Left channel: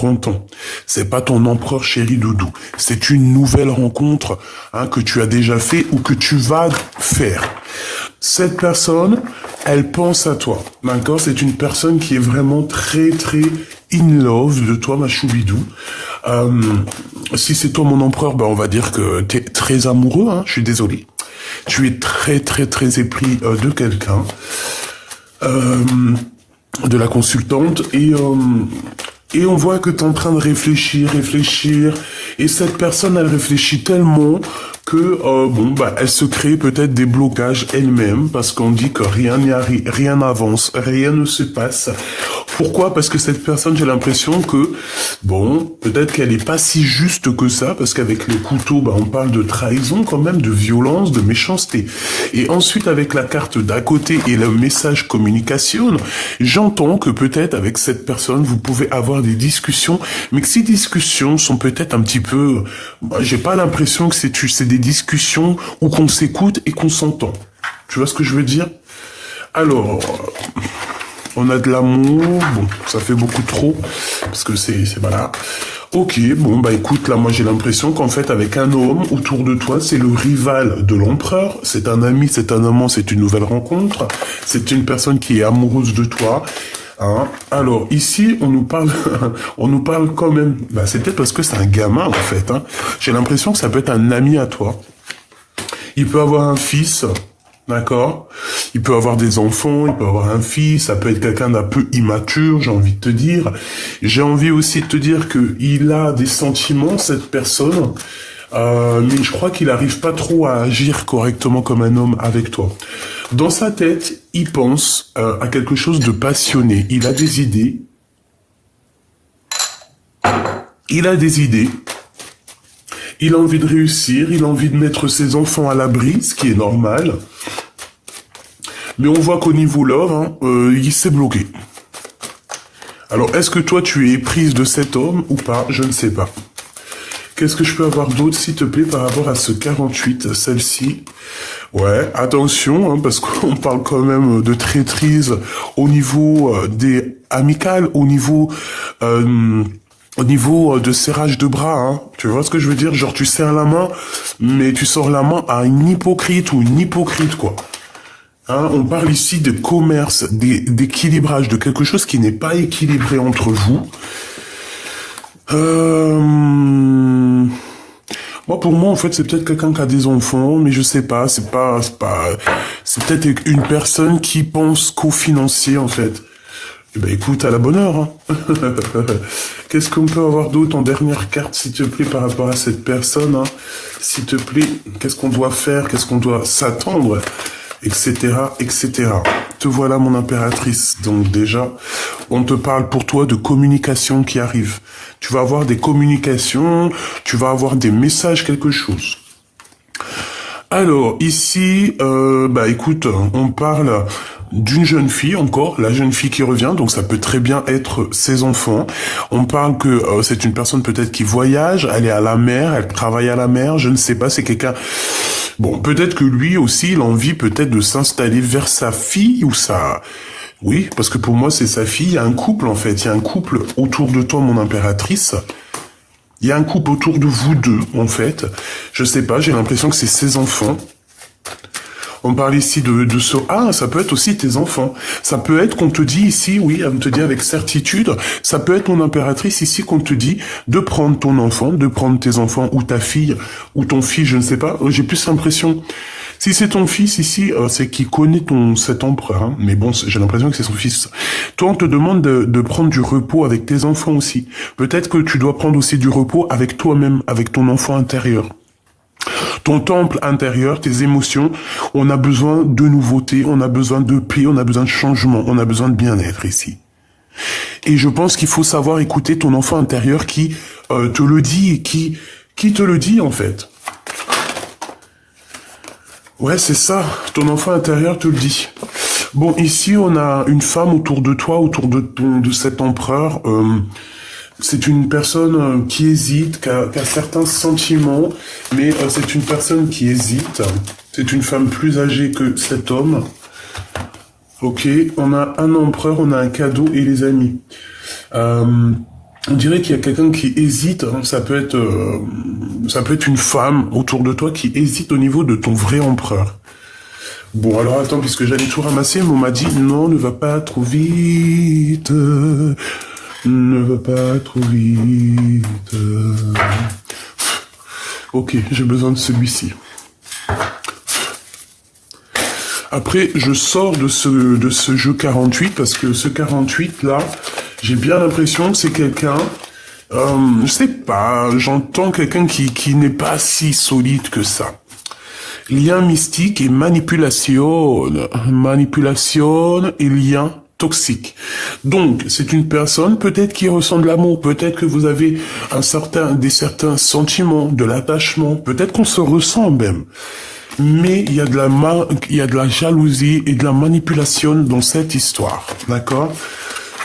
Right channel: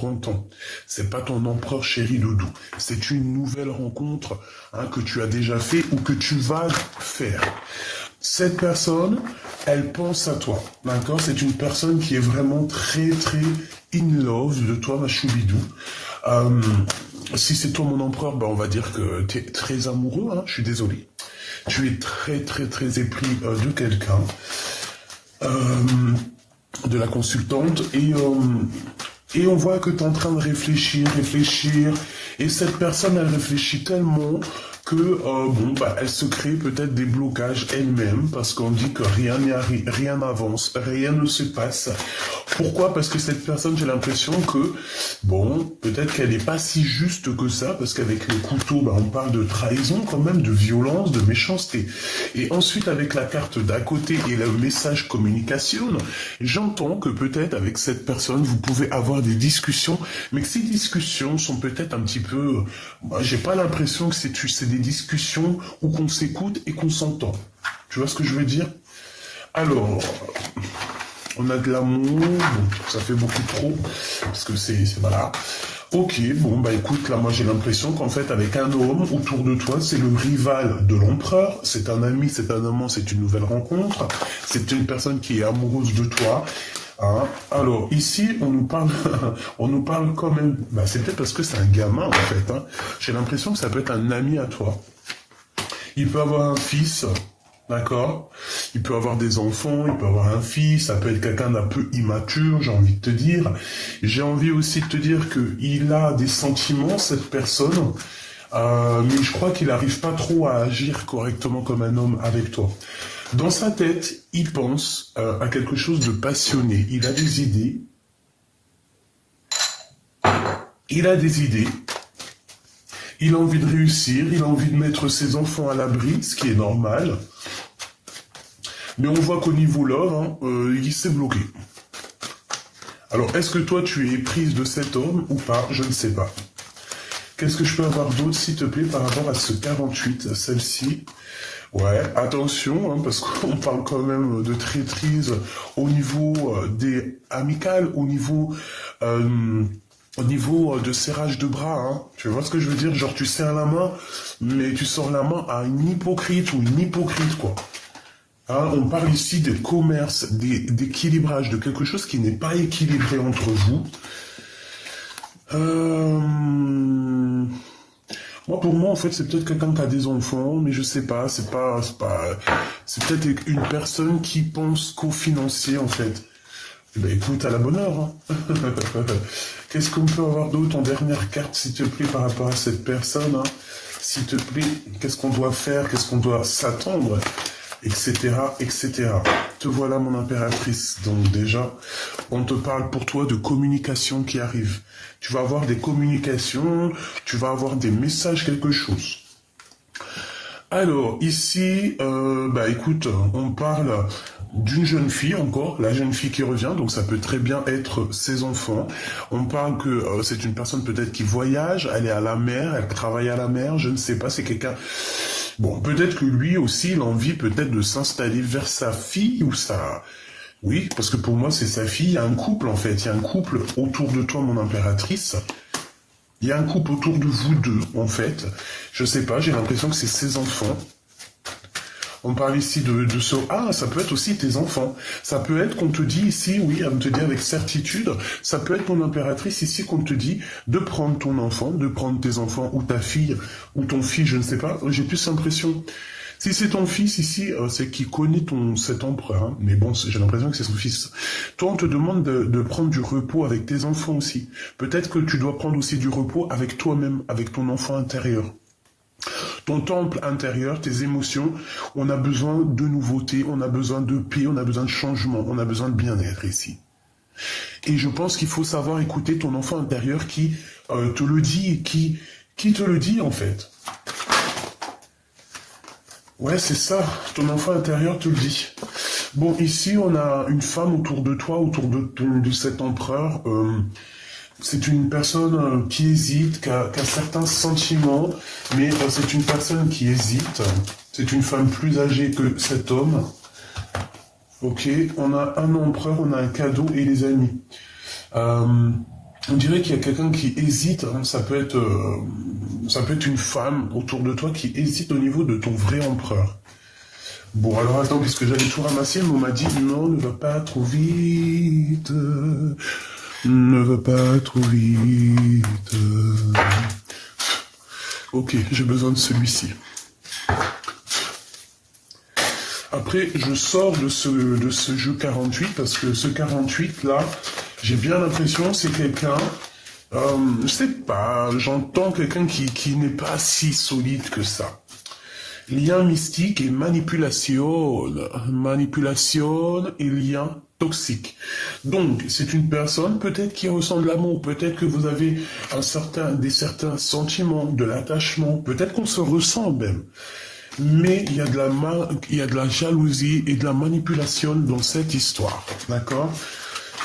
30 ans. C'est pas ton empereur chéri doudou. C'est une nouvelle rencontre que tu as déjà fait ou que tu vas faire. Cette personne, elle pense à toi, d'accord? C'est une personne qui est vraiment très, très in love de toi, ma choubidou. Si c'est toi mon empereur, on va dire que t'es très amoureux, je suis désolé. Tu es très, très, très épris de quelqu'un, de la consultante, et on voit que t'es en train de réfléchir, et cette personne, elle réfléchit tellement que, elle se crée peut-être des blocages elle-même, parce qu'on dit que rien n'y arrive, rien n'avance, rien ne se passe. Pourquoi? Parce que cette personne, j'ai l'impression que, peut-être qu'elle n'est pas si juste que ça, parce qu'avec le couteau, on parle de trahison quand même, de violence, de méchanceté. Et ensuite, avec la carte d'à côté et le message communication, j'entends que peut-être avec cette personne, vous pouvez avoir des discussions, mais que ces discussions sont peut-être un petit peu, j'ai pas l'impression que c'est des discussions où qu'on s'écoute et qu'on s'entend. Tu vois ce que je veux dire? Alors, on a de l'amour, ça fait beaucoup trop, parce que c'est voilà. Ok, écoute, là, moi, j'ai l'impression qu'en fait, avec un homme autour de toi, c'est le rival de l'empereur, c'est un ami, c'est un amant, c'est une nouvelle rencontre, c'est une personne qui est amoureuse de toi. Alors, ici, on nous parle quand même, c'est peut-être parce que c'est un gamin, en fait, J'ai l'impression que ça peut être un ami à toi. Il peut avoir un fils, d'accord? Il peut avoir des enfants, il peut avoir un fils, ça peut être quelqu'un d'un peu immature, j'ai envie de te dire. J'ai envie aussi de te dire qu'il a des sentiments, cette personne, mais je crois qu'il n'arrive pas trop à agir correctement comme un homme avec toi. Dans sa tête, il pense à quelque chose de passionné. Il a des idées. Il a envie de réussir, il a envie de mettre ses enfants à l'abri, ce qui est normal. Mais on voit qu'au niveau love, il s'est bloqué. Alors, est-ce que toi, tu es éprise de cet homme ou pas? Je ne sais pas. Qu'est-ce que je peux avoir d'autre, s'il te plaît, par rapport à ce 48, celle-ci? Ouais, attention, parce qu'on parle quand même de traîtrise au niveau des amicales, au niveau de serrage de bras, Tu vois ce que je veux dire? Genre, tu serres la main, mais tu sors la main à une hypocrite ou une hypocrite, quoi. On parle ici de commerce, d'équilibrage, de quelque chose qui n'est pas équilibré entre vous. Pour moi, en fait, c'est peut-être quelqu'un qui a des enfants, mais je sais pas, c'est peut-être une personne qui pense qu'au financier, en fait. Écoute, à la bonne heure, Qu'est-ce qu'on peut avoir d'autre en dernière carte, s'il te plaît, par rapport à cette personne, S'il te plaît, qu'est-ce qu'on doit faire, qu'est-ce qu'on doit s'attendre, etc., etc. Te voilà, mon impératrice. Donc déjà, on te parle pour toi de communication qui arrive. Tu vas avoir des communications, tu vas avoir des messages, quelque chose. Alors, ici, écoute, on parle d'une jeune fille encore, la jeune fille qui revient, donc ça peut très bien être ses enfants. On parle que c'est une personne peut-être qui voyage, elle est à la mer, elle travaille à la mer, je ne sais pas, c'est quelqu'un... peut-être que lui aussi, il a envie peut-être de s'installer vers sa fille ou sa... Oui, parce que pour moi, c'est sa fille, il y a un couple en fait, il y a un couple autour de toi, mon impératrice. Il y a un couple autour de vous deux, en fait. Je sais pas, j'ai l'impression que c'est ses enfants. On parle ici de ce... Ah, ça peut être aussi tes enfants. Ça peut être qu'on te dit ici, oui, on te dit avec certitude, ça peut être ton impératrice ici qu'on te dit de prendre ton enfant, de prendre tes enfants, ou ta fille, ou ton fils, je ne sais pas. J'ai plus l'impression... Si c'est ton fils ici, c'est qu'il connaît cet empereur, mais j'ai l'impression que c'est son fils. Toi, on te demande de prendre du repos avec tes enfants aussi. Peut-être que tu dois prendre aussi du repos avec toi-même, avec ton enfant intérieur. Ton temple intérieur, tes émotions, on a besoin de nouveautés, on a besoin de paix, on a besoin de changement, on a besoin de bien-être ici. Et je pense qu'il faut savoir écouter ton enfant intérieur qui te le dit, qui te le dit en fait. Ouais, c'est ça, ton enfant intérieur te le dit. Bon, ici, on a une femme autour de toi, autour de cet empereur. C'est une personne qui hésite, qui a certains sentiments, mais c'est une personne qui hésite. C'est une femme plus âgée que cet homme. Ok, on a un empereur, on a un cadeau et les amis. On dirait qu'il y a quelqu'un qui hésite, hein. Ça peut être une femme autour de toi qui hésite au niveau de ton vrai empereur. Bon, alors attends, puisque j'allais tout ramasser, mais on m'a dit, non, ne va pas trop vite. Ne va pas trop vite. Ok, j'ai besoin de celui-ci. Après, je sors de ce jeu 48, parce que ce 48, là, j'ai bien l'impression que c'est quelqu'un... je sais pas, j'entends quelqu'un qui n'est pas si solide que ça. Lien mystique et manipulation. Manipulation et lien toxique. Donc, c'est une personne peut-être qui ressent de l'amour, peut-être que vous avez certains sentiments, de l'attachement, peut-être qu'on se ressent même. Mais il y a de la jalousie et de la manipulation dans cette histoire, d'accord?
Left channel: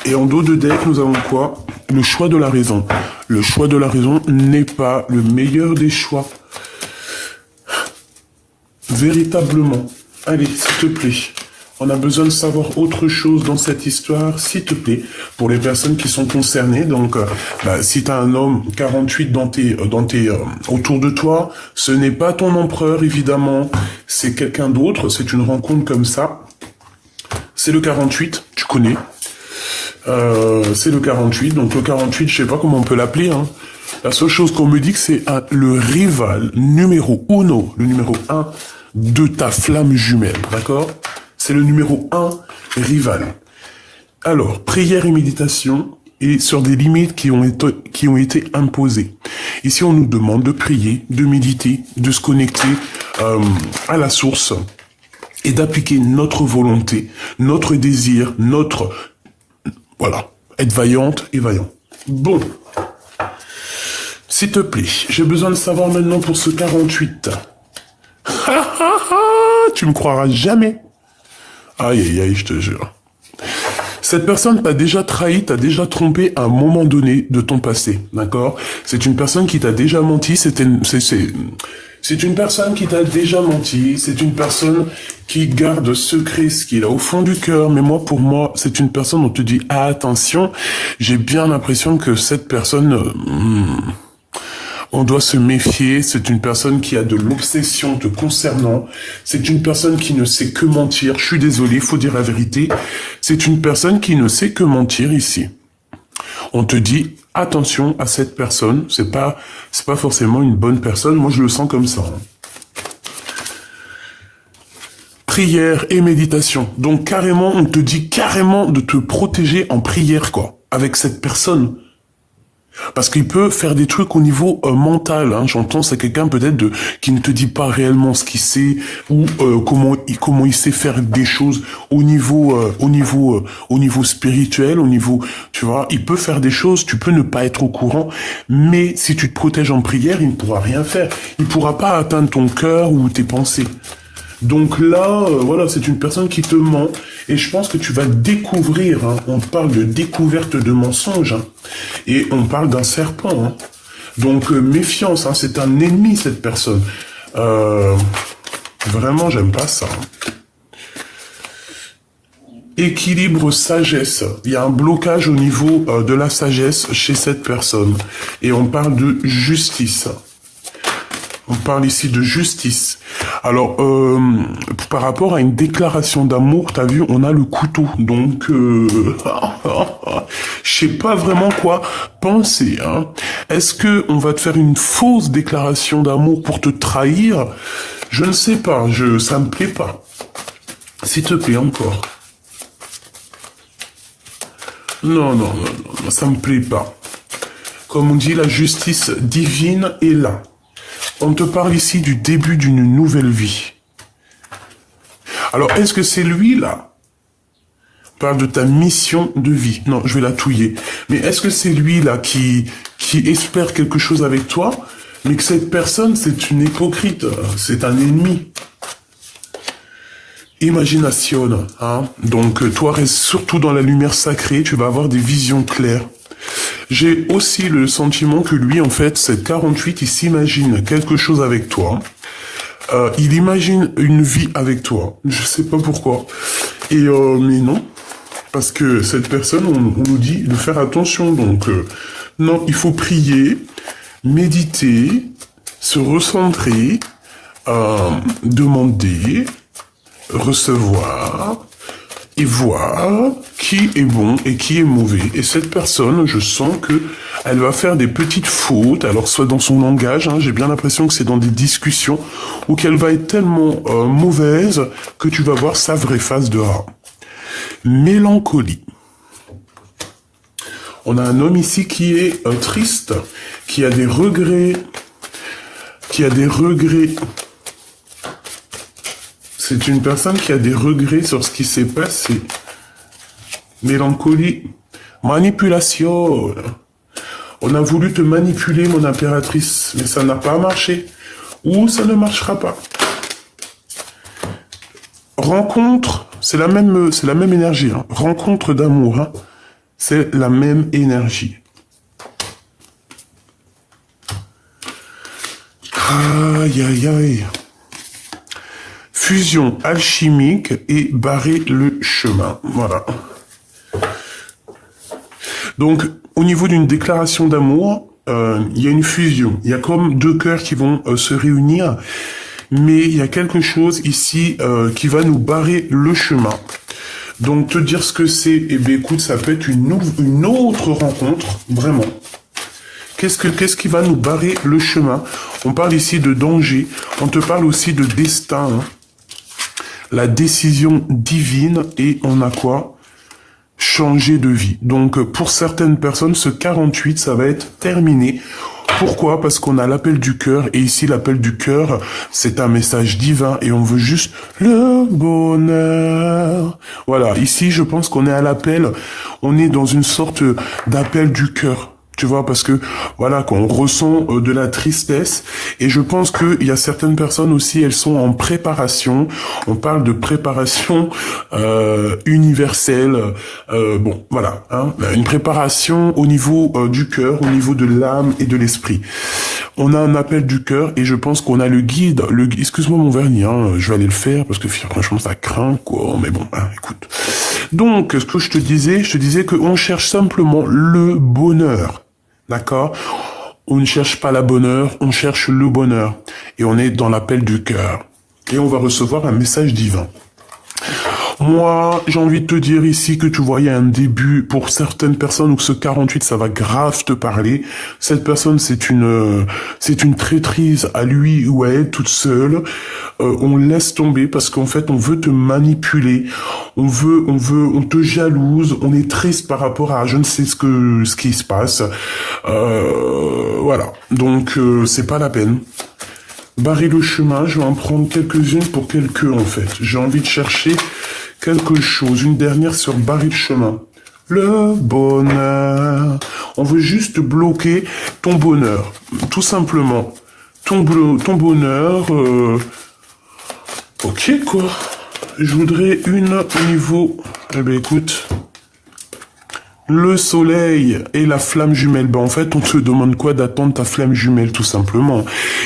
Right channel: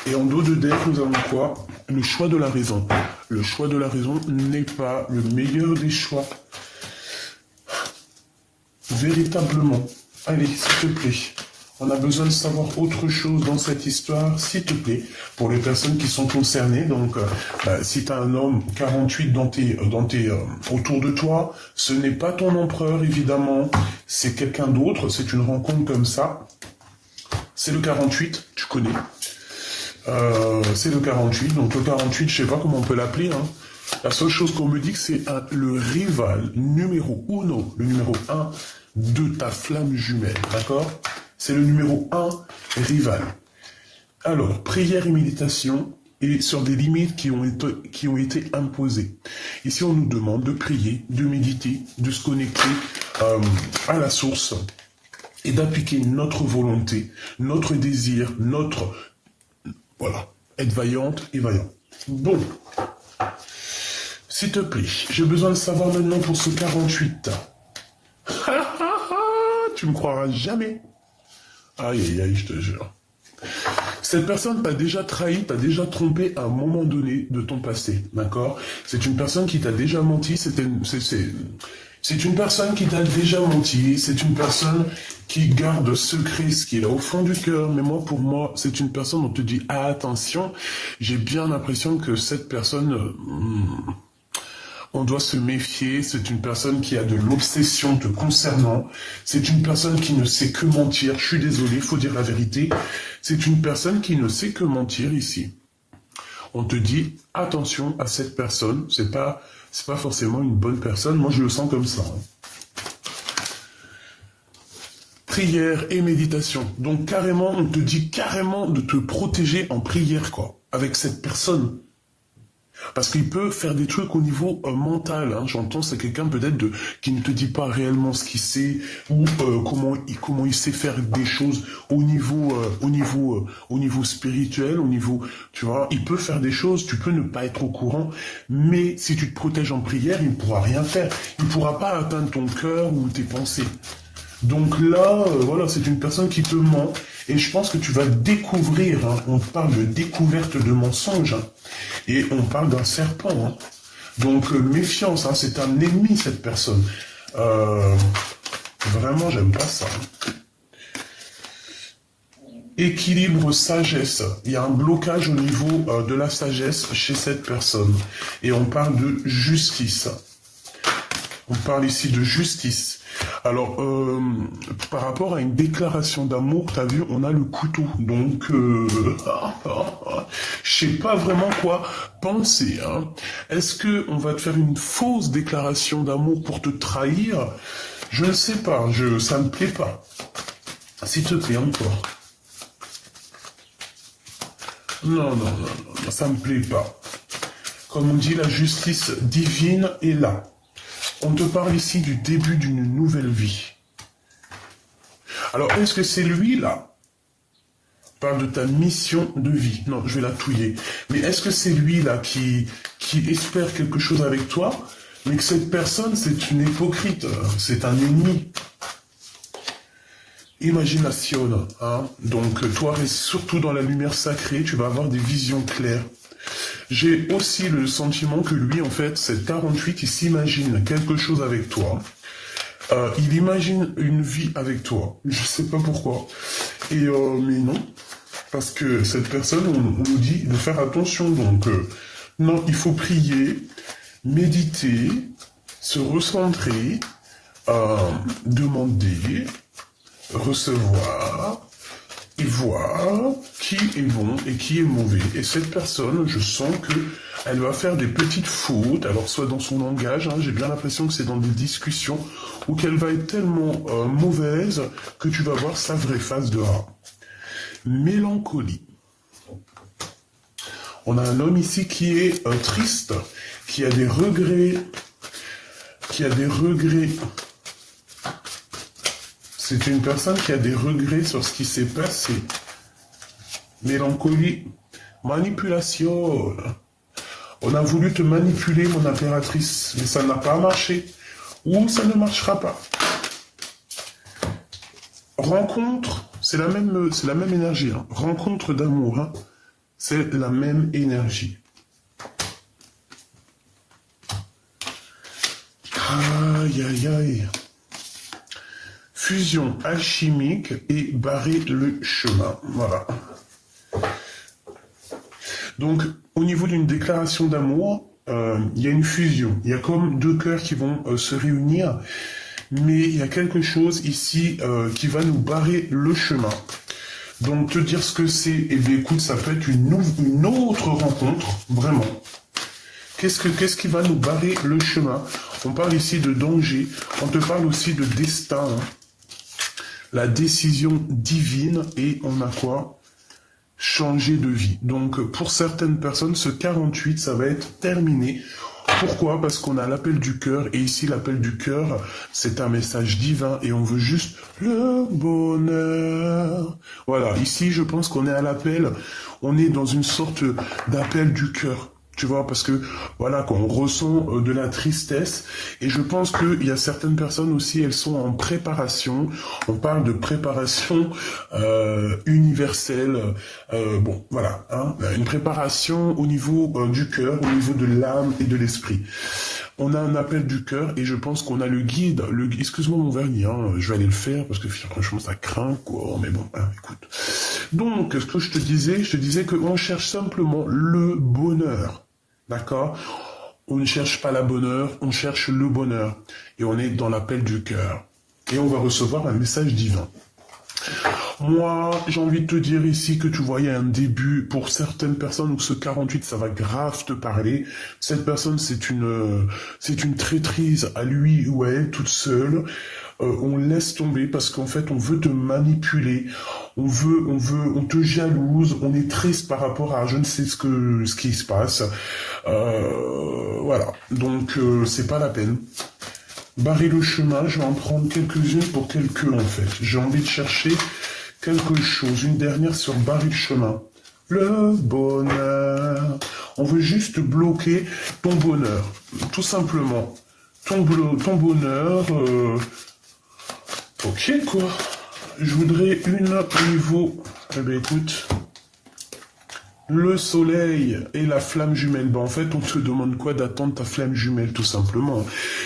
Et en dos de deck, nous avons quoi? Le choix de la raison. Le choix de la raison n'est pas le meilleur des choix. Véritablement. Allez, s'il te plaît. On a besoin de savoir autre chose dans cette histoire, s'il te plaît, pour les personnes qui sont concernées. Donc, si tu as un homme 48 autour de toi, ce n'est pas ton empereur, évidemment. C'est quelqu'un d'autre, c'est une rencontre comme ça. C'est le 48, tu connais. C'est le 48, donc le 48, je sais pas comment on peut l'appeler, hein. La seule chose qu'on me dit que c'est le rival numéro 1, le numéro 1 de ta flamme jumelle, d'accord? C'est le numéro 1 rival. Alors, prière et méditation et sur des limites qui ont été imposées. Ici, on nous demande de prier, de méditer, de se connecter à la source et d'appliquer notre volonté, notre désir, voilà, être vaillante et vaillant. Bon. S'il te plaît, j'ai besoin de savoir maintenant pour ce 48. Tu me croiras jamais. Aïe, aïe, aïe, je te jure. Cette personne t'a déjà trahi, t'a déjà trompé à un moment donné de ton passé, d'accord? C'est une personne qui t'a déjà menti, c'est une personne qui t'a déjà menti, c'est une personne qui garde secret ce qu'il a au fond du cœur, mais pour moi, c'est une personne dont on te dit, ah, attention, j'ai bien l'impression que cette personne... on doit se méfier, c'est une personne qui a de l'obsession te concernant, c'est une personne qui ne sait que mentir, je suis désolé, il faut dire la vérité, c'est une personne qui ne sait que mentir ici. On te dit, attention à cette personne, c'est pas forcément une bonne personne, moi je le sens comme ça. Prière et méditation, donc carrément, on te dit carrément de te protéger en prière, quoi, avec cette personne. Parce qu'il peut faire des trucs au niveau mental, hein. J'entends, c'est quelqu'un peut-être qui ne te dit pas réellement ce qu'il sait ou comment il sait faire des choses au niveau spirituel, au niveau, tu vois, il peut faire des choses, tu peux ne pas être au courant, mais si tu te protèges en prière, il ne pourra rien faire, il pourra pas atteindre ton cœur ou tes pensées. Donc là, voilà, c'est une personne qui te ment. Et je pense que tu vas découvrir, hein, on parle de découverte de mensonges, hein, et on parle d'un serpent. Hein. Donc méfiance, hein, c'est un ennemi cette personne. Vraiment, j'aime pas ça. Hein. Équilibre, sagesse. Il y a un blocage au niveau de la sagesse chez cette personne. Et on parle de justice. On parle ici de justice. Alors, par rapport à une déclaration d'amour, t'as vu, on a le couteau. Donc, je sais pas vraiment quoi penser. Hein. Est-ce que on va te faire une fausse déclaration d'amour pour te trahir? Je ne sais pas. Ça me plaît pas. S'il te plaît, encore. Non, ça me plaît pas. Comme on dit, la justice divine est là. On te parle ici du début d'une nouvelle vie. Alors, est-ce que c'est lui, là? On parle de ta mission de vie. Non, je vais la touiller. Mais est-ce que c'est lui, là, qui espère quelque chose avec toi, mais que cette personne, c'est une hypocrite, c'est un ennemi? Imagination, hein? Donc, toi, reste surtout dans la lumière sacrée, tu vas avoir des visions claires. J'ai aussi le sentiment que lui, en fait, cette 48, il s'imagine quelque chose avec toi. Il imagine une vie avec toi. Je sais pas pourquoi. Et mais non. Parce que cette personne, on nous dit de faire attention. Donc, Non, il faut prier, méditer, se recentrer, demander, recevoir et voir qui est bon et qui est mauvais. Et cette personne, je sens que elle va faire des petites fautes, alors soit dans son langage, hein, j'ai bien l'impression que c'est dans des discussions, ou qu'elle va être tellement mauvaise que tu vas voir sa vraie face dehors. Mélancolie. On a un homme ici qui est triste, qui a des regrets, C'est une personne qui a des regrets sur ce qui s'est passé. Mélancolie. Manipulation. On a voulu te manipuler, mon impératrice, mais ça n'a pas marché. Ou ça ne marchera pas. Rencontre, c'est la même énergie. Hein. Rencontre d'amour, hein. C'est la même énergie. Aïe, aïe, aïe. Fusion alchimique et barrer le chemin. Voilà. Donc, au niveau d'une déclaration d'amour, il y a une fusion. Il y a comme deux cœurs qui vont se réunir. Mais il y a quelque chose ici qui va nous barrer le chemin. Donc, te dire ce que c'est, eh bien, écoute, ça peut être une autre rencontre, vraiment. Qu'est-ce qui va nous barrer le chemin? On parle ici de danger, on te parle aussi de destin, hein. La décision divine, et on a quoi? Changer de vie. Donc, pour certaines personnes, ce 48, ça va être terminé. Pourquoi? Parce qu'on a l'appel du cœur, et ici, l'appel du cœur, c'est un message divin, et on veut juste le bonheur. Voilà, ici, je pense qu'on est à l'appel, on est dans une sorte d'appel du cœur. Tu vois, parce que, voilà, quand on ressent de la tristesse, et je pense qu'il y a certaines personnes aussi, elles sont en préparation, on parle de préparation universelle, bon, voilà, hein, une préparation au niveau du cœur, au niveau de l'âme et de l'esprit. On a un appel du cœur, et je pense qu'on a le guide, excuse-moi mon vernis, hein, je vais aller le faire, parce que franchement, ça craint, quoi, mais bon, hein, écoute. Donc, ce que je te disais qu'on cherche simplement le bonheur. D'accord? On ne cherche pas la bonheur, on cherche le bonheur. Et on est dans l'appel du cœur. Et on va recevoir un message divin. Moi, j'ai envie de te dire ici que tu voyais un début pour certaines personnes où ce 48, ça va grave te parler. Cette personne, c'est une traîtrise à lui ou à elle toute seule. On laisse tomber parce qu'en fait, on veut te manipuler. On te jalouse. On est triste par rapport à je ne sais ce qui se passe. Voilà. Donc, c'est pas la peine. Barrer le chemin, je vais en prendre quelques-unes pour quelques, en fait. J'ai envie de chercher quelque chose, une dernière sur barrer le chemin. Le bonheur. On veut juste bloquer ton bonheur, tout simplement. Ton bonheur. Ok, quoi. Je voudrais une au niveau... Eh ben, écoute... Le soleil et la flamme jumelle. Ben, en fait, on te demande quoi? D'attendre ta flamme jumelle, tout simplement.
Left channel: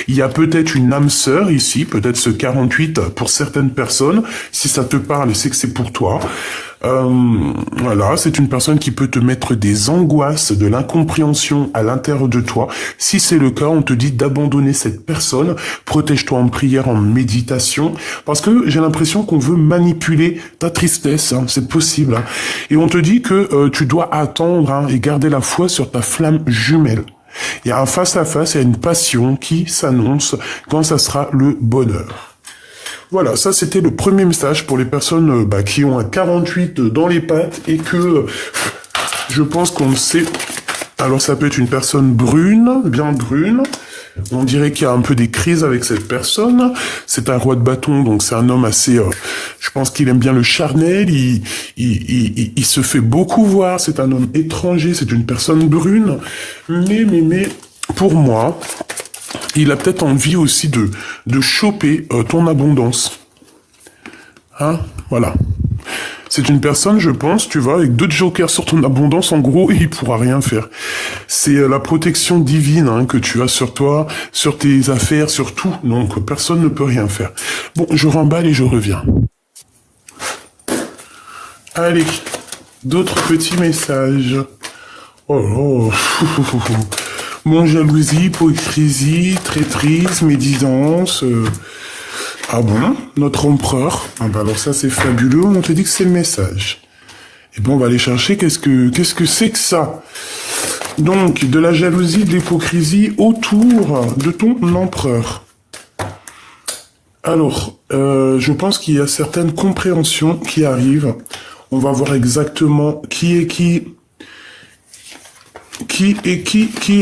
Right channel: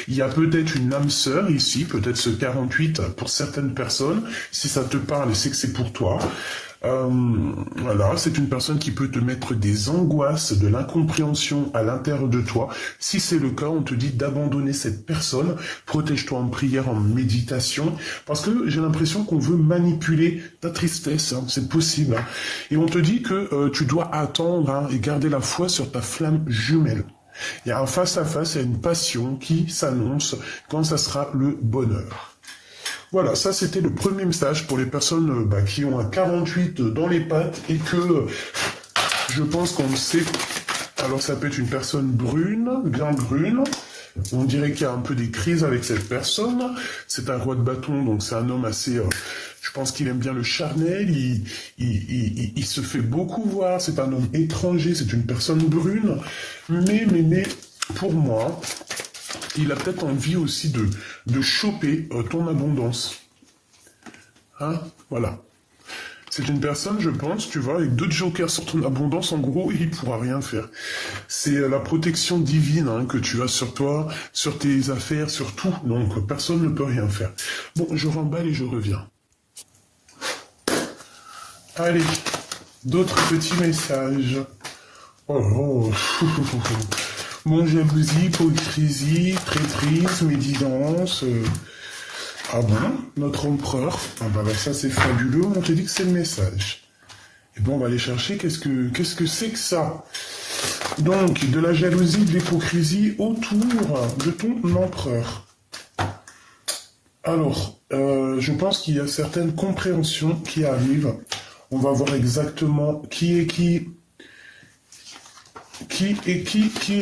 Il y a peut-être une âme sœur ici, peut-être ce 48 pour certaines personnes. Si ça te parle, c'est que c'est pour toi. Voilà, c'est une personne qui peut te mettre des angoisses, de l'incompréhension à l'intérieur de toi. Si c'est le cas, on te dit d'abandonner cette personne. Protège-toi en prière, en méditation. Parce que j'ai l'impression qu'on veut manipuler ta tristesse. Hein, c'est possible. Hein. Et on te dit que tu dois attendre hein, et garder la foi sur ta flamme jumelle. Il y a un face-à-face, il y a une passion qui s'annonce quand ça sera le bonheur. Voilà, ça c'était le premier message pour les personnes qui ont un 48 dans les pattes et que je pense qu'on sait. Alors ça peut être une personne brune, bien brune. On dirait qu'il y a un peu des crises avec cette personne. C'est un roi de bâton, donc c'est un homme assez... je pense qu'il aime bien le charnel, il se fait beaucoup voir, c'est un homme étranger, c'est une personne brune. Mais, pour moi... Il a peut-être envie aussi de choper ton abondance. Hein? Voilà. C'est une personne, je pense, tu vois, avec 2 jokers sur ton abondance, en gros, il pourra rien faire. C'est la protection divine hein, que tu as sur toi, sur tes affaires, sur tout. Donc, personne ne peut rien faire. Bon, je remballe et je reviens. Allez, d'autres petits messages. Oh là là. Mon jalousie, hypocrisie, traîtrise, médisance. Ah bon? Notre empereur? Ah bah alors ça c'est fabuleux, on te dit que c'est le message. Et bon, on va aller chercher qu'est-ce que c'est que ça? Donc, de la jalousie, de l'hypocrisie autour de ton empereur. Alors, je pense qu'il y a certaines compréhensions qui arrivent. On va voir exactement qui est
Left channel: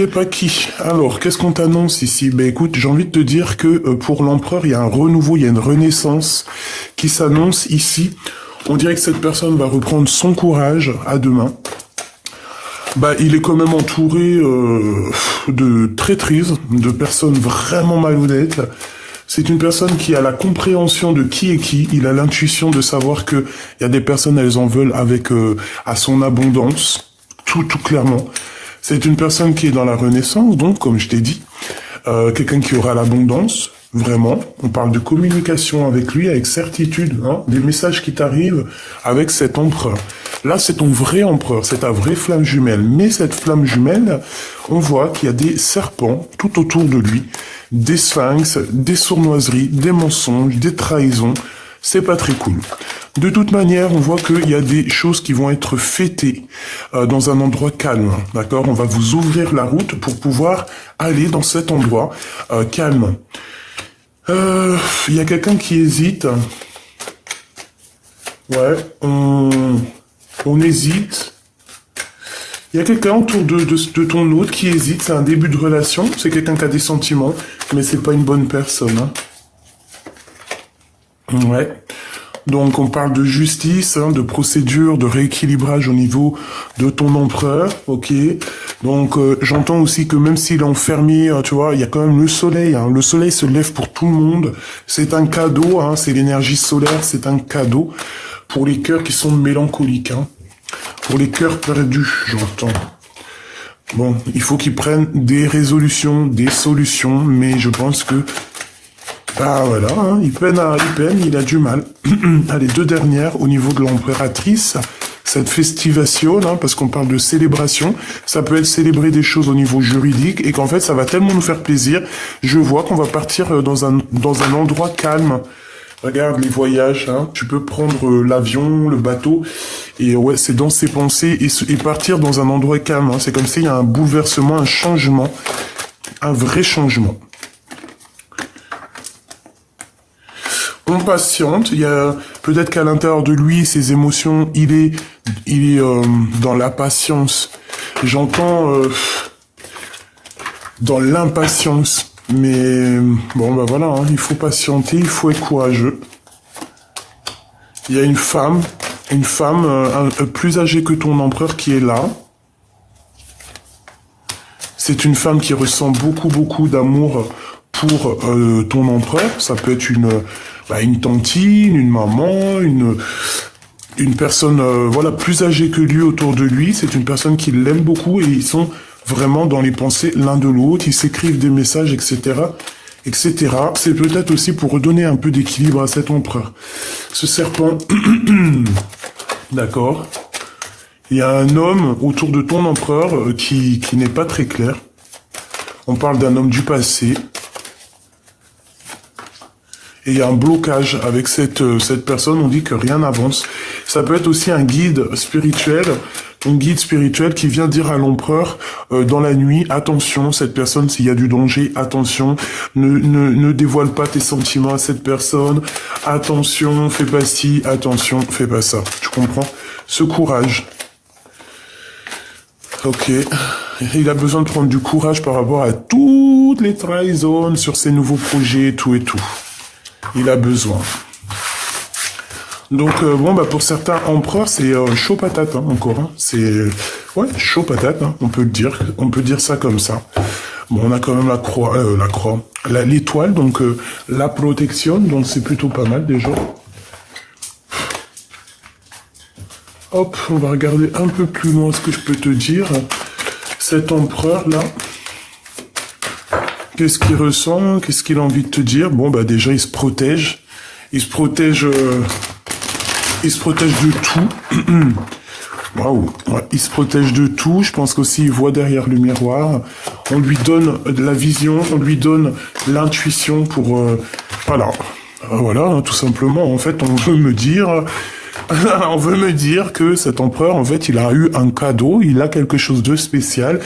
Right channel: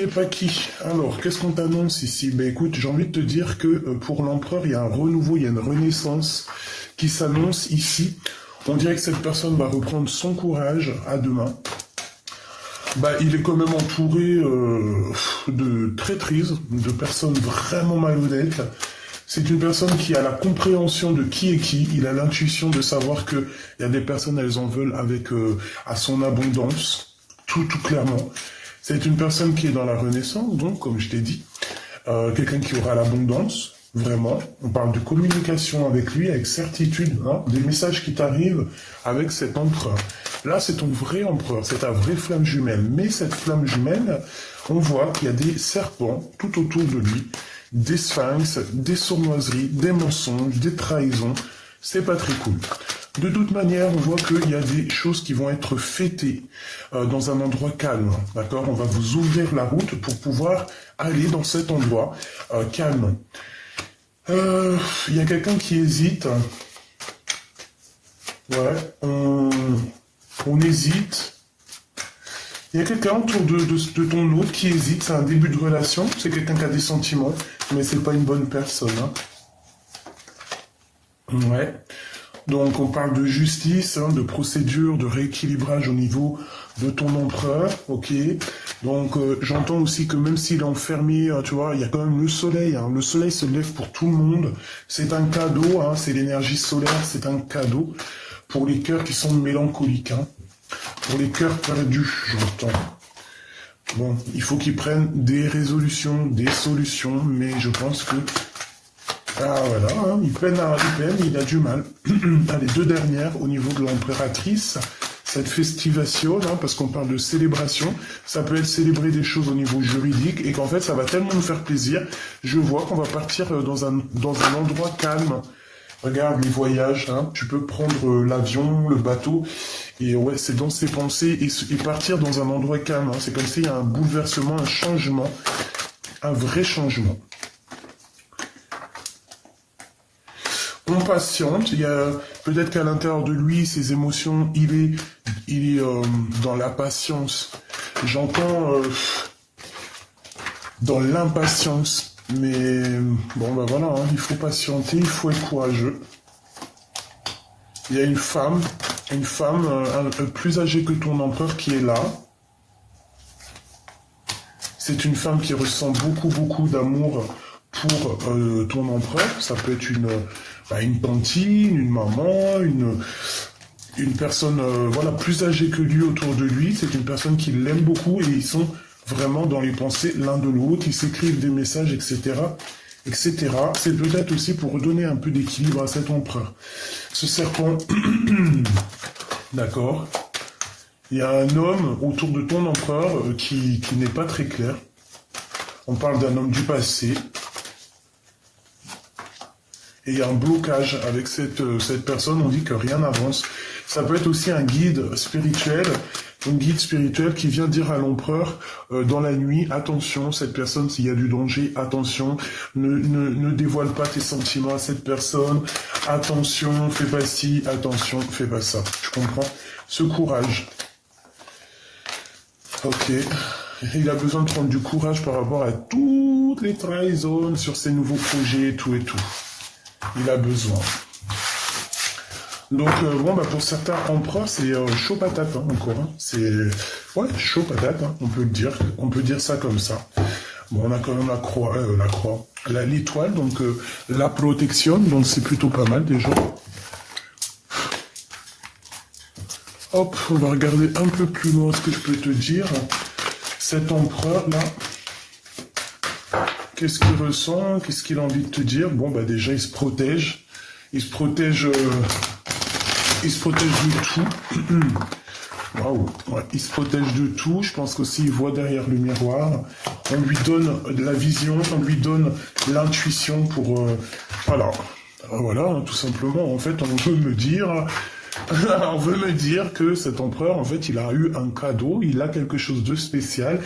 pas qui. Alors, qu'est-ce qu'on t'annonce ici? Ben écoute, j'ai envie de te dire que pour l'empereur, il y a un renouveau, il y a une renaissance qui s'annonce ici. On dirait que cette personne va reprendre son courage à deux mains. Bah, il est quand même entouré de traîtrises, de personnes vraiment malhonnêtes. C'est une personne qui a la compréhension de qui est qui. Il a l'intuition de savoir que il y a des personnes, elles en veulent avec à son abondance, tout clairement. C'est une personne qui est dans la renaissance, donc comme je t'ai dit, quelqu'un qui aura l'abondance. Vraiment, on parle de communication avec lui, avec certitude, hein, des messages qui t'arrivent avec cet empereur. Là, c'est ton vrai empereur, c'est ta vraie flamme jumelle. Mais cette flamme jumelle, on voit qu'il y a des serpents tout autour de lui, des sphinx, des sournoiseries, des mensonges, des trahisons. C'est pas très cool. De toute manière, on voit qu'il y a des choses qui vont être fêtées dans un endroit calme, d'accord? On va vous ouvrir la route pour pouvoir aller dans cet endroit calme. Il y a quelqu'un qui hésite. Ouais, on hésite. Il y a quelqu'un autour de ton hôte qui hésite. C'est un début de relation. C'est quelqu'un qui a des sentiments, mais c'est pas une bonne personne. Hein. Ouais. Donc on parle de justice, hein, de procédure, de rééquilibrage au niveau de ton empereur, ok. Donc j'entends aussi que même s'il est enfermé, tu vois, il y a quand même le soleil. Hein. Le soleil se lève pour tout le monde. C'est un cadeau, hein, c'est l'énergie solaire, c'est un cadeau pour les cœurs qui sont mélancoliques, hein. Pour les cœurs perdus, j'entends. Bon, il faut qu'ils prennent des résolutions, des solutions, mais je pense que ah voilà, hein, il peine, il a du mal. Allez, deux dernières au niveau de l'empératrice, cette festivation, hein, parce qu'on parle de célébration, ça peut être célébrer des choses au niveau juridique et qu'en fait ça va tellement nous faire plaisir. Je vois qu'on va partir dans un endroit calme. Regarde les voyages, hein, tu peux prendre l'avion, le bateau, et ouais, c'est dans ses pensées et partir dans un endroit calme. Hein. C'est comme s'il y a un bouleversement, un changement, un vrai changement. On patiente, il y a peut-être qu'à l'intérieur de lui, ses émotions, il est dans la patience. J'entends dans l'impatience, mais bon ben voilà, hein, il faut patienter, il faut être courageux. Il y a une femme plus âgée que ton empereur qui est là. C'est une femme qui ressent beaucoup d'amour pour ton empereur. Ça peut être une tantine, une maman, une personne voilà plus âgée que lui autour de lui. C'est une personne qui l'aime beaucoup et ils sont vraiment dans les pensées l'un de l'autre. Ils s'écrivent des messages, etc. etc. C'est peut-être aussi pour redonner un peu d'équilibre à cet empereur. Ce serpent, d'accord. Il y a un homme autour de ton empereur qui n'est pas très clair. On parle d'un homme du passé. Et il y a un blocage avec cette personne, on dit que rien n'avance. Ça peut être aussi un guide spirituel qui vient dire à l'empereur dans la nuit, attention, cette personne, s'il y a du danger, attention, ne dévoile pas tes sentiments à cette personne, attention, fais pas ci, attention, fais pas ça. Tu comprends? Ce courage. Ok. Il a besoin de prendre du courage par rapport à toutes les trahisons sur ses nouveaux projets, tout et tout. Il a besoin. Donc bon bah pour certains empereurs c'est chaud patate hein, encore. Hein. C'est ouais chaud patate. Hein, on peut dire ça comme ça. Bon on a quand même l'étoile donc la protection donc c'est plutôt pas mal déjà. Hop on va regarder un peu plus loin ce que je peux te dire. Cet empereur là. Qu'est-ce qu'il ressent? Qu'est-ce qu'il a envie de te dire? Bon, bah déjà, il se protège. Il se protège de tout. Waouh, ouais, il se protège de tout. Je pense qu'aussi il voit derrière le miroir. On lui donne de la vision, on lui donne l'intuition pour... voilà. Voilà, hein, tout simplement. En fait, on veut me dire... on veut me dire que cet empereur, en fait, il a eu un cadeau, il a quelque chose de spécial.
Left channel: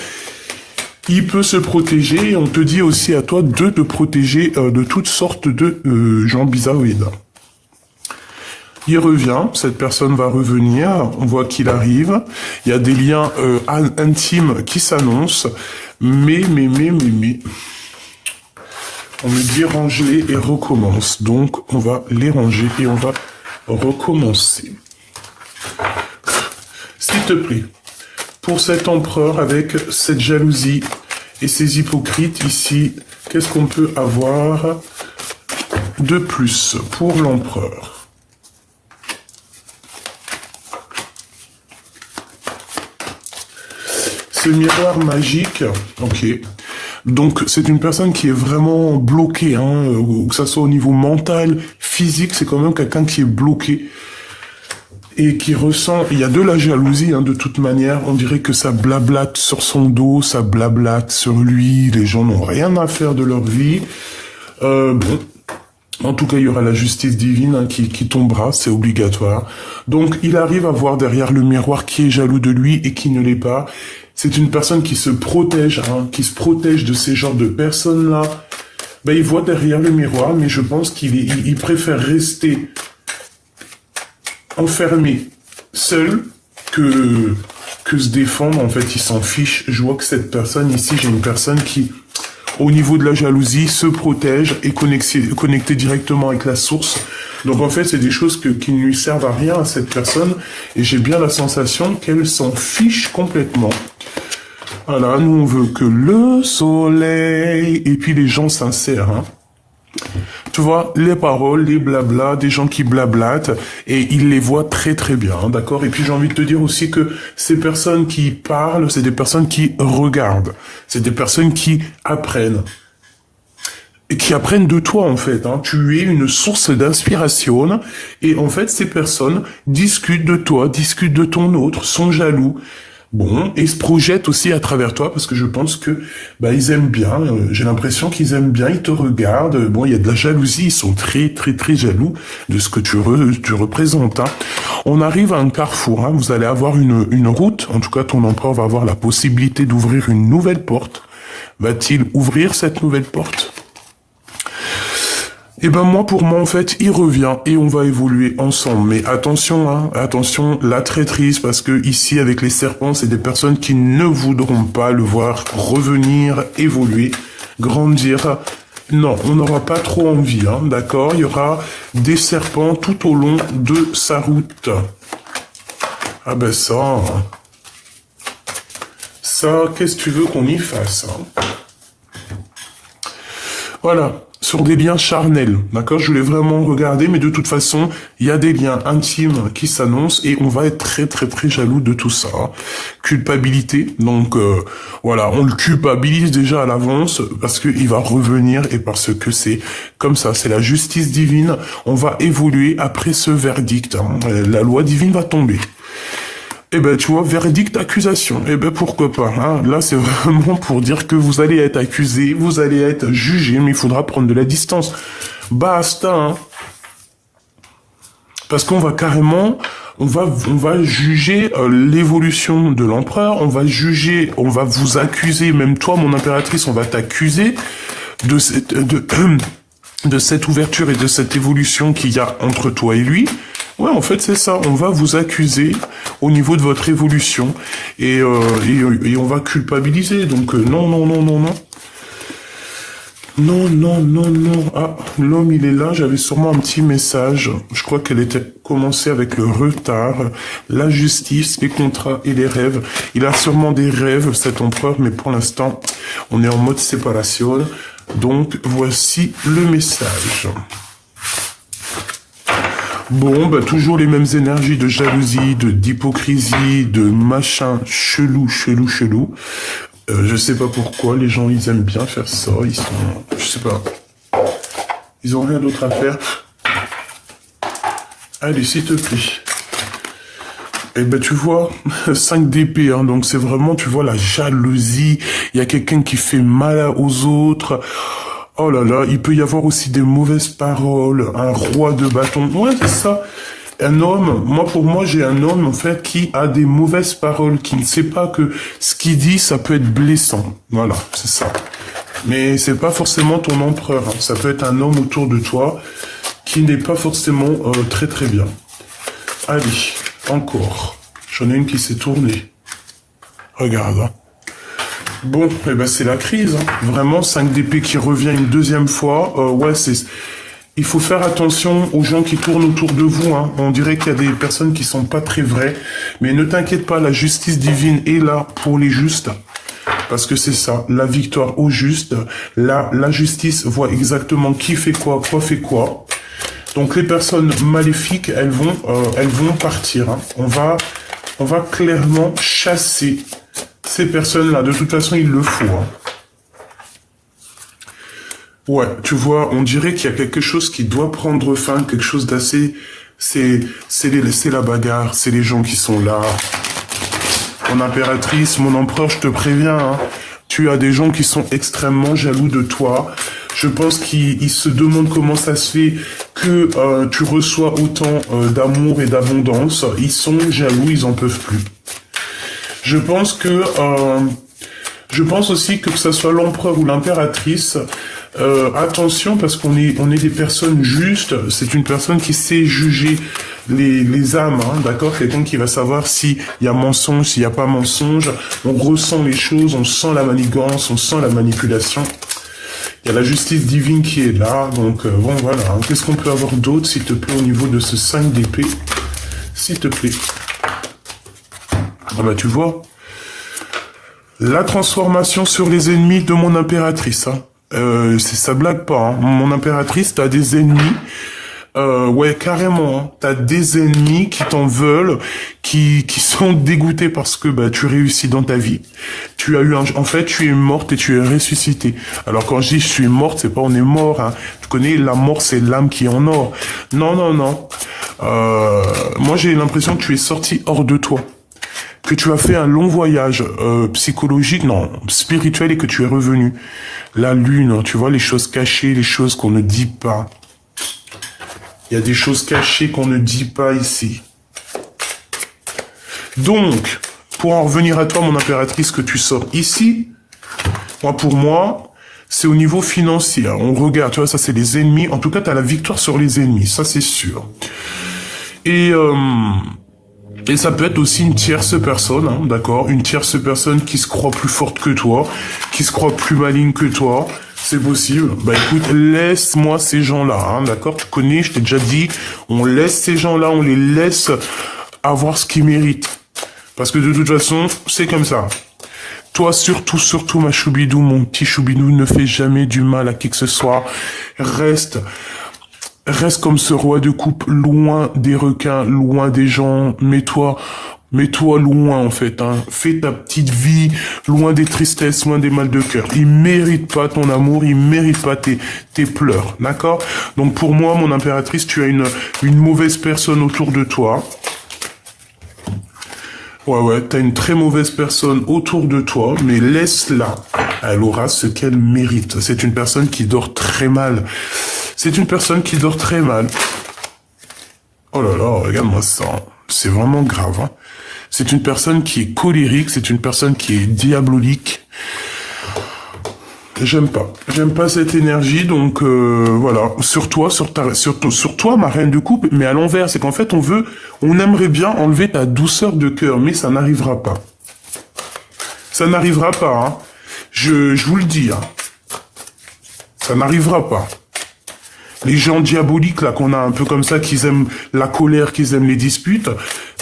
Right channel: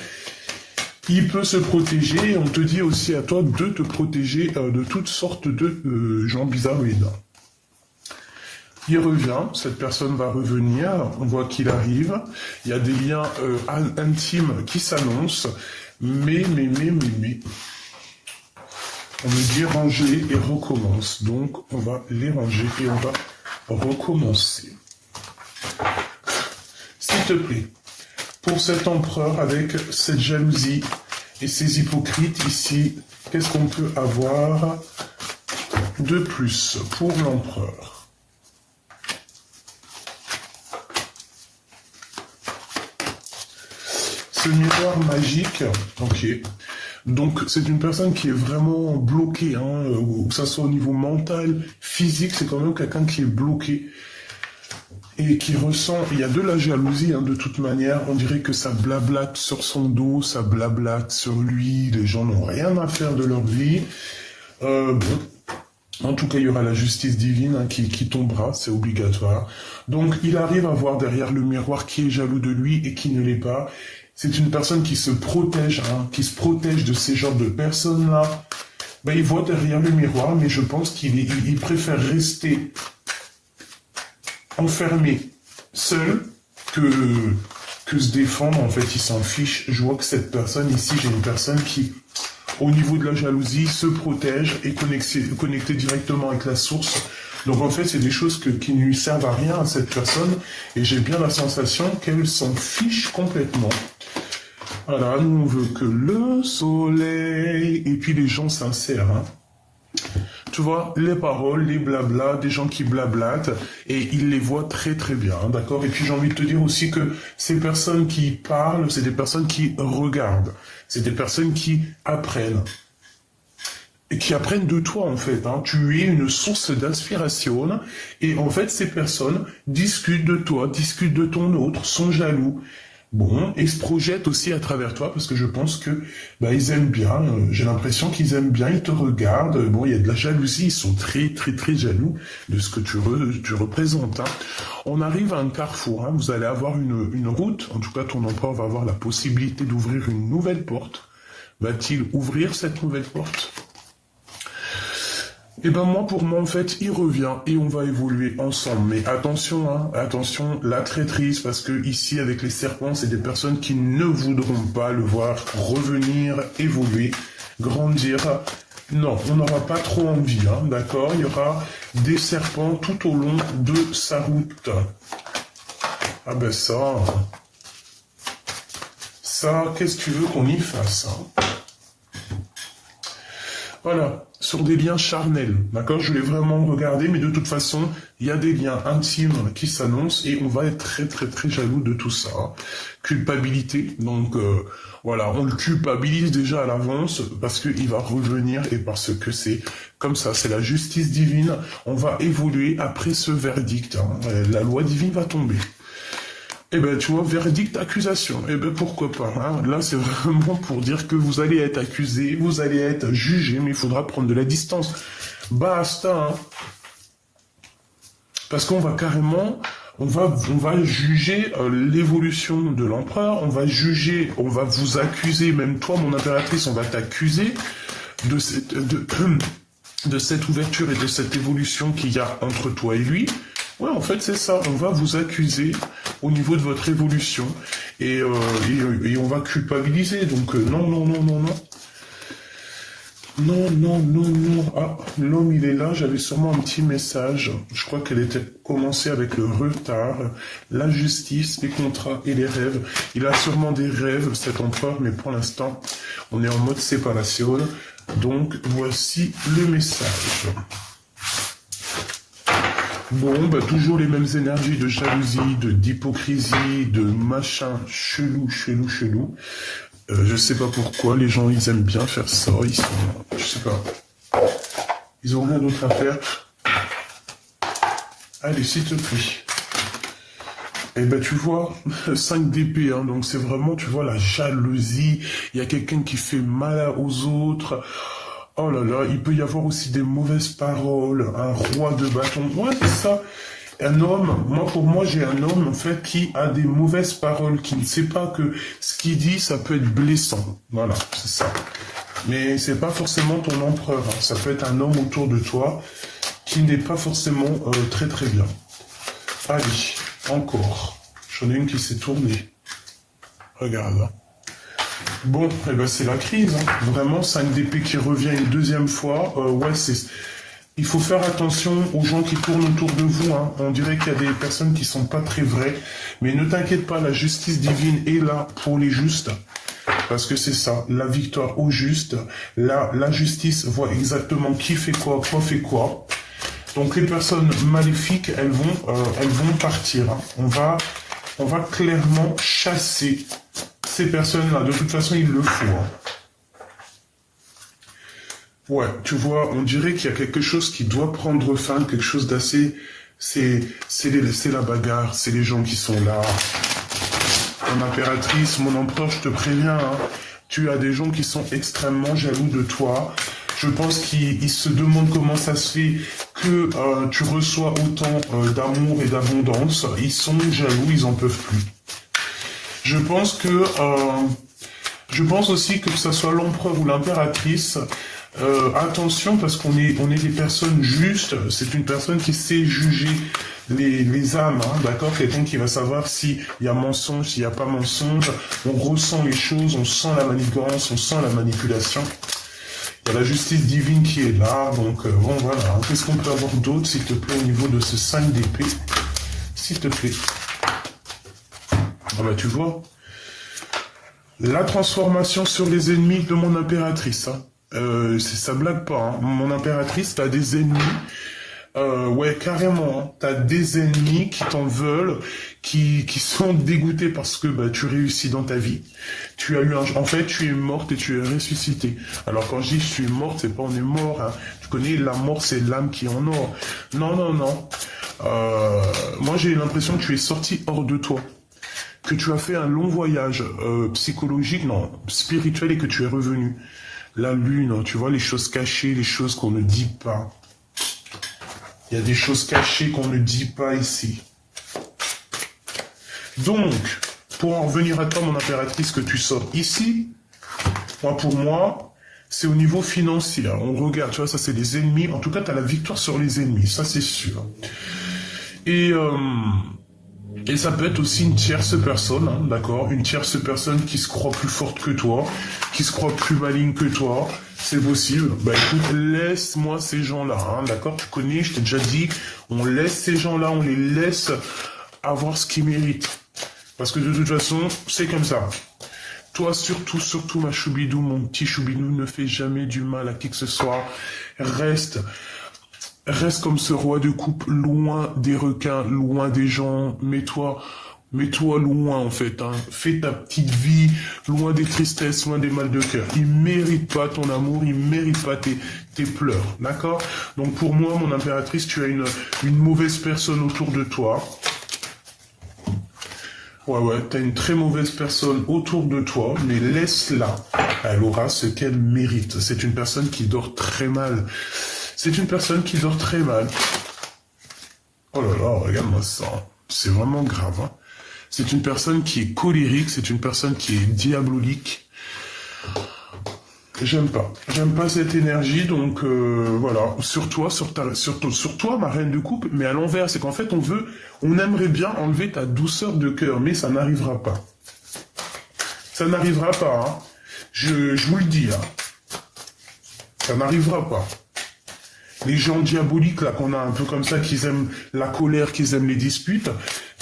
Il peut se protéger. On te dit aussi à toi de te protéger de toutes sortes de gens bizarroïdes. Il revient, cette personne va revenir, on voit qu'il arrive, il y a des liens intimes qui s'annoncent, mais, on me dit ranger et recommence, donc on va les ranger et on va recommencer. S'il te plaît, pour cet empereur avec cette jalousie et ces hypocrites ici, qu'est-ce qu'on peut avoir de plus pour l'empereur ? Ce miroir magique, ok. Donc c'est une personne qui est vraiment bloquée, hein, que ça soit au niveau mental, physique, c'est quand même quelqu'un qui est bloqué et qui ressent, il y a de la jalousie, hein, de toute manière, on dirait que ça blablate sur son dos, ça blablate sur lui, les gens n'ont rien à faire de leur vie. Bon, en tout cas, il y aura la justice divine hein, qui tombera, c'est obligatoire. Donc, il arrive à voir derrière le miroir qui est jaloux de lui et qui ne l'est pas. C'est une personne qui se protège, hein, qui se protège de ces genres de personnes-là. Ben, il voit derrière le miroir, mais je pense qu'il préfère rester enfermé, seul, que se défendre. En fait, il s'en fiche. Je vois que cette personne ici, j'ai une personne qui... au niveau de la jalousie, se protège et connecté directement avec la source. Donc en fait, c'est des choses qui ne lui servent à rien à cette personne. Et j'ai bien la sensation qu'elle s'en fiche complètement. Voilà, nous on veut que le soleil... Et puis les gens sincères, hein. Tu vois, les paroles, les blablas, des gens qui blablatent, et ils les voient très très bien, hein, d'accord? Et puis j'ai envie de te dire aussi que ces personnes qui parlent, c'est des personnes qui regardent, c'est des personnes qui apprennent. Et qui apprennent de toi en fait, hein. Tu es une source d'inspiration, et en fait ces personnes discutent de toi, discutent de ton autre, sont jaloux. Bon, et se projettent aussi à travers toi, parce que je pense que bah ils aiment bien, j'ai l'impression qu'ils aiment bien, ils te regardent, bon, il y a de la jalousie, ils sont très très très jaloux de ce que tu représentes. Hein. On arrive à un carrefour, hein, vous allez avoir une route, en tout cas ton empereur va avoir la possibilité d'ouvrir une nouvelle porte. Va-t-il ouvrir cette nouvelle porte ? Et ben moi, pour moi, en fait, il revient et on va évoluer ensemble. Mais attention, hein, attention, la traîtrise, parce que ici, avec les serpents, c'est des personnes qui ne voudront pas le voir revenir, évoluer, grandir. Non, on n'aura pas trop envie, hein, d'accord? Il y aura des serpents tout au long de sa route. Ah ben ça, qu'est-ce que tu veux qu'on y fasse, hein? Voilà. Sur des liens charnels, d'accord? Je voulais vraiment regarder, mais de toute façon, il y a des liens intimes qui s'annoncent et on va être très très très jaloux de tout ça. Culpabilité, donc voilà, on le culpabilise déjà à l'avance parce qu'il va revenir et parce que c'est comme ça, c'est la justice divine. On va évoluer après ce verdict, hein. La loi divine va tomber. Eh ben, tu vois, verdict, accusation. Eh ben, pourquoi pas, hein. Là, c'est vraiment pour dire que vous allez être accusé, vous allez être jugé, mais il faudra prendre de la distance. Basta, hein. Parce qu'on va carrément, on va juger l'évolution de l'empereur, on va juger, on va vous accuser, même toi, mon impératrice, on va t'accuser de cette ouverture et de cette évolution qu'il y a entre toi et lui. Ouais, en fait, c'est ça. On va vous accuser au niveau de votre évolution et on va culpabiliser. Donc, non. Non. Ah, l'homme, il est là. J'avais sûrement un petit message. Je crois qu'elle était commencée avec le retard. La justice, les contrats et les rêves. Il a sûrement des rêves, cet empereur, mais pour l'instant, on est en mode séparation. Donc, voici le message. Bon, bah toujours les mêmes énergies de jalousie, d'hypocrisie, de machin chelou. Je sais pas pourquoi, les gens, ils aiment bien faire ça, ils sont... Je sais pas. Ils ont rien d'autre à faire. Allez, s'il te plaît. Eh ben, tu vois, 5 d'épée, hein, donc c'est vraiment, tu vois, la jalousie. Il y a quelqu'un qui fait mal aux autres. Oh là là, il peut y avoir aussi des mauvaises paroles, un roi de bâton. Ouais, c'est ça. Un homme, moi pour moi j'ai un homme en fait qui a des mauvaises paroles, qui ne sait pas que ce qu'il dit ça peut être blessant. Voilà, c'est ça. Mais c'est pas forcément ton empereur, hein. Ça peut être un homme autour de toi qui n'est pas forcément très très bien. Allez, encore. J'en ai une qui s'est tournée. Regarde. Hein. Bon, eh ben c'est la crise. Hein. Vraiment, 5 d'épée qui revient une deuxième fois. Ouais, c'est... Il faut faire attention aux gens qui tournent autour de vous. Hein. On dirait qu'il y a des personnes qui sont pas très vraies. Mais ne t'inquiète pas, la justice divine est là pour les justes. Parce que c'est ça, la victoire aux justes. La justice voit exactement qui fait quoi fait quoi. Donc les personnes maléfiques, elles vont partir. Hein. On va clairement chasser ces personnes-là. De toute façon, il le faut. Hein. Ouais, tu vois, on dirait qu'il y a quelque chose qui doit prendre fin, quelque chose d'assez... C'est la bagarre, c'est les gens qui sont là. Mon impératrice, mon empereur, je te préviens, hein, tu as des gens qui sont extrêmement jaloux de toi. Je pense qu'ils se demandent comment ça se fait que tu reçois autant d'amour et d'abondance. Ils sont jaloux, ils en peuvent plus. Je pense aussi que ce soit l'empereur ou l'impératrice, attention parce qu'on est des personnes justes. C'est une personne qui sait juger les âmes, hein, d'accord. Quelqu'un qui va savoir s'il y a mensonge, s'il n'y a pas mensonge. On ressent les choses, on sent la manigance, on sent la manipulation. Il y a la justice divine qui est là, donc bon voilà. Qu'est-ce qu'on peut avoir d'autre, s'il te plaît, au niveau de ce 5 d'épée, s'il te plaît. Ah bah tu vois, la transformation sur les ennemis de mon impératrice. Hein. Ça blague pas. Hein. Mon impératrice, t'as des ennemis. Ouais, carrément. Hein. T'as des ennemis qui t'en veulent, qui sont dégoûtés parce que bah tu réussis dans ta vie. Tu as eu en fait, tu es morte et tu es ressuscitée. Alors quand je dis je suis morte, c'est pas on est mort. Hein. Tu connais la mort, c'est l'âme qui est en or. Non, non, non. Moi j'ai l'impression que tu es sorti hors de toi. Que tu as fait un long voyage psychologique, non, spirituel et que tu es revenu. La lune, hein, tu vois, les choses cachées, les choses qu'on ne dit pas. Il y a des choses cachées qu'on ne dit pas ici. Donc, pour en revenir à toi, mon impératrice, que tu sors ici, pour moi, c'est au niveau financier. On regarde, tu vois, ça c'est les ennemis. En tout cas, tu as la victoire sur les ennemis, ça c'est sûr. Et ça peut être aussi une tierce personne, hein, d'accord, une tierce personne qui se croit plus forte que toi, qui se croit plus maligne que toi, c'est possible. Bah écoute, laisse-moi ces gens-là, hein, d'accord, tu connais, je t'ai déjà dit, on laisse ces gens-là, on les laisse avoir ce qu'ils méritent. Parce que de toute façon, c'est comme ça. Toi, surtout, ma choubidou, mon petit choubidou, ne fais jamais du mal à qui que ce soit. Reste comme ce roi de coupe, loin des requins, loin des gens. Mets-toi loin, en fait, hein. Fais ta petite vie, loin des tristesses, loin des mal de cœur. Il mérite pas ton amour, il mérite pas tes pleurs, d'accord? Donc pour moi, mon impératrice, tu as une mauvaise personne autour de toi. Ouais, t'as une très mauvaise personne autour de toi, mais laisse-la. Elle aura ce qu'elle mérite. C'est une personne qui dort très mal. C'est une personne qui dort très mal. Oh là là, regarde-moi ça. C'est vraiment grave. Hein. C'est une personne qui est colérique, c'est une personne qui est diabolique. J'aime pas. J'aime pas cette énergie, donc voilà. Sur toi, ma reine de coupe, mais à l'envers. C'est qu'en fait, on aimerait bien enlever ta douceur de cœur, mais ça n'arrivera pas. Ça n'arrivera pas, hein. Je vous le dis, hein. Ça n'arrivera pas. Les gens diaboliques, là, qu'on a un peu comme ça, qui aiment la colère, qui aiment les disputes,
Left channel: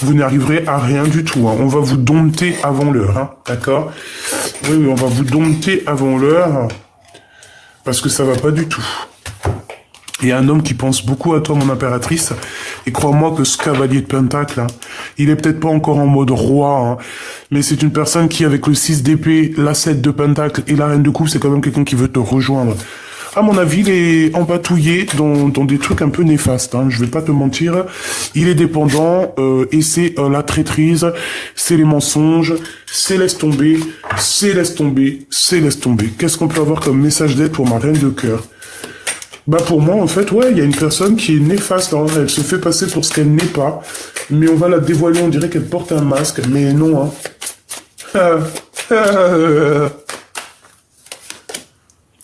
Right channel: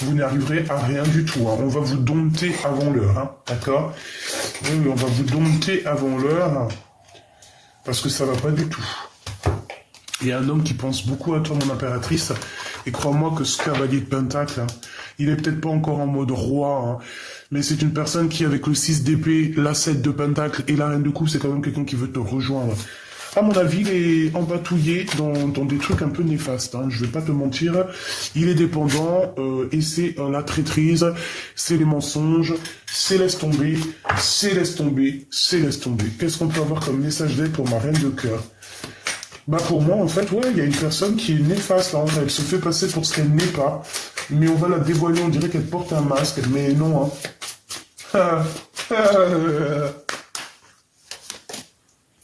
vous n'arriverez à rien du tout. Hein. On va vous dompter avant l'heure, hein, d'accord? Oui, on va vous dompter avant l'heure, parce que ça va pas du tout. Il y a un homme qui pense beaucoup à toi, mon impératrice, et crois-moi que ce cavalier de pentacle, hein, il est peut-être pas encore en mode roi, hein, mais c'est une personne qui, avec le 6 d'épée, la 7 de pentacle et la reine de coupe, c'est quand même quelqu'un qui veut te rejoindre. À mon avis, il est empatouillé dans des trucs un peu néfastes. Hein. Je vais pas te mentir. Il est dépendant et c'est la traîtrise, c'est les mensonges, c'est laisse tomber, c'est laisse tomber, c'est laisse tomber. Qu'est-ce qu'on peut avoir comme message d'aide pour ma reine de cœur? Bah pour moi, en fait, ouais, il y a une personne qui est néfaste, là, elle se fait passer pour ce qu'elle n'est pas, mais on va la dévoiler, on dirait qu'elle porte un masque, mais non, hein.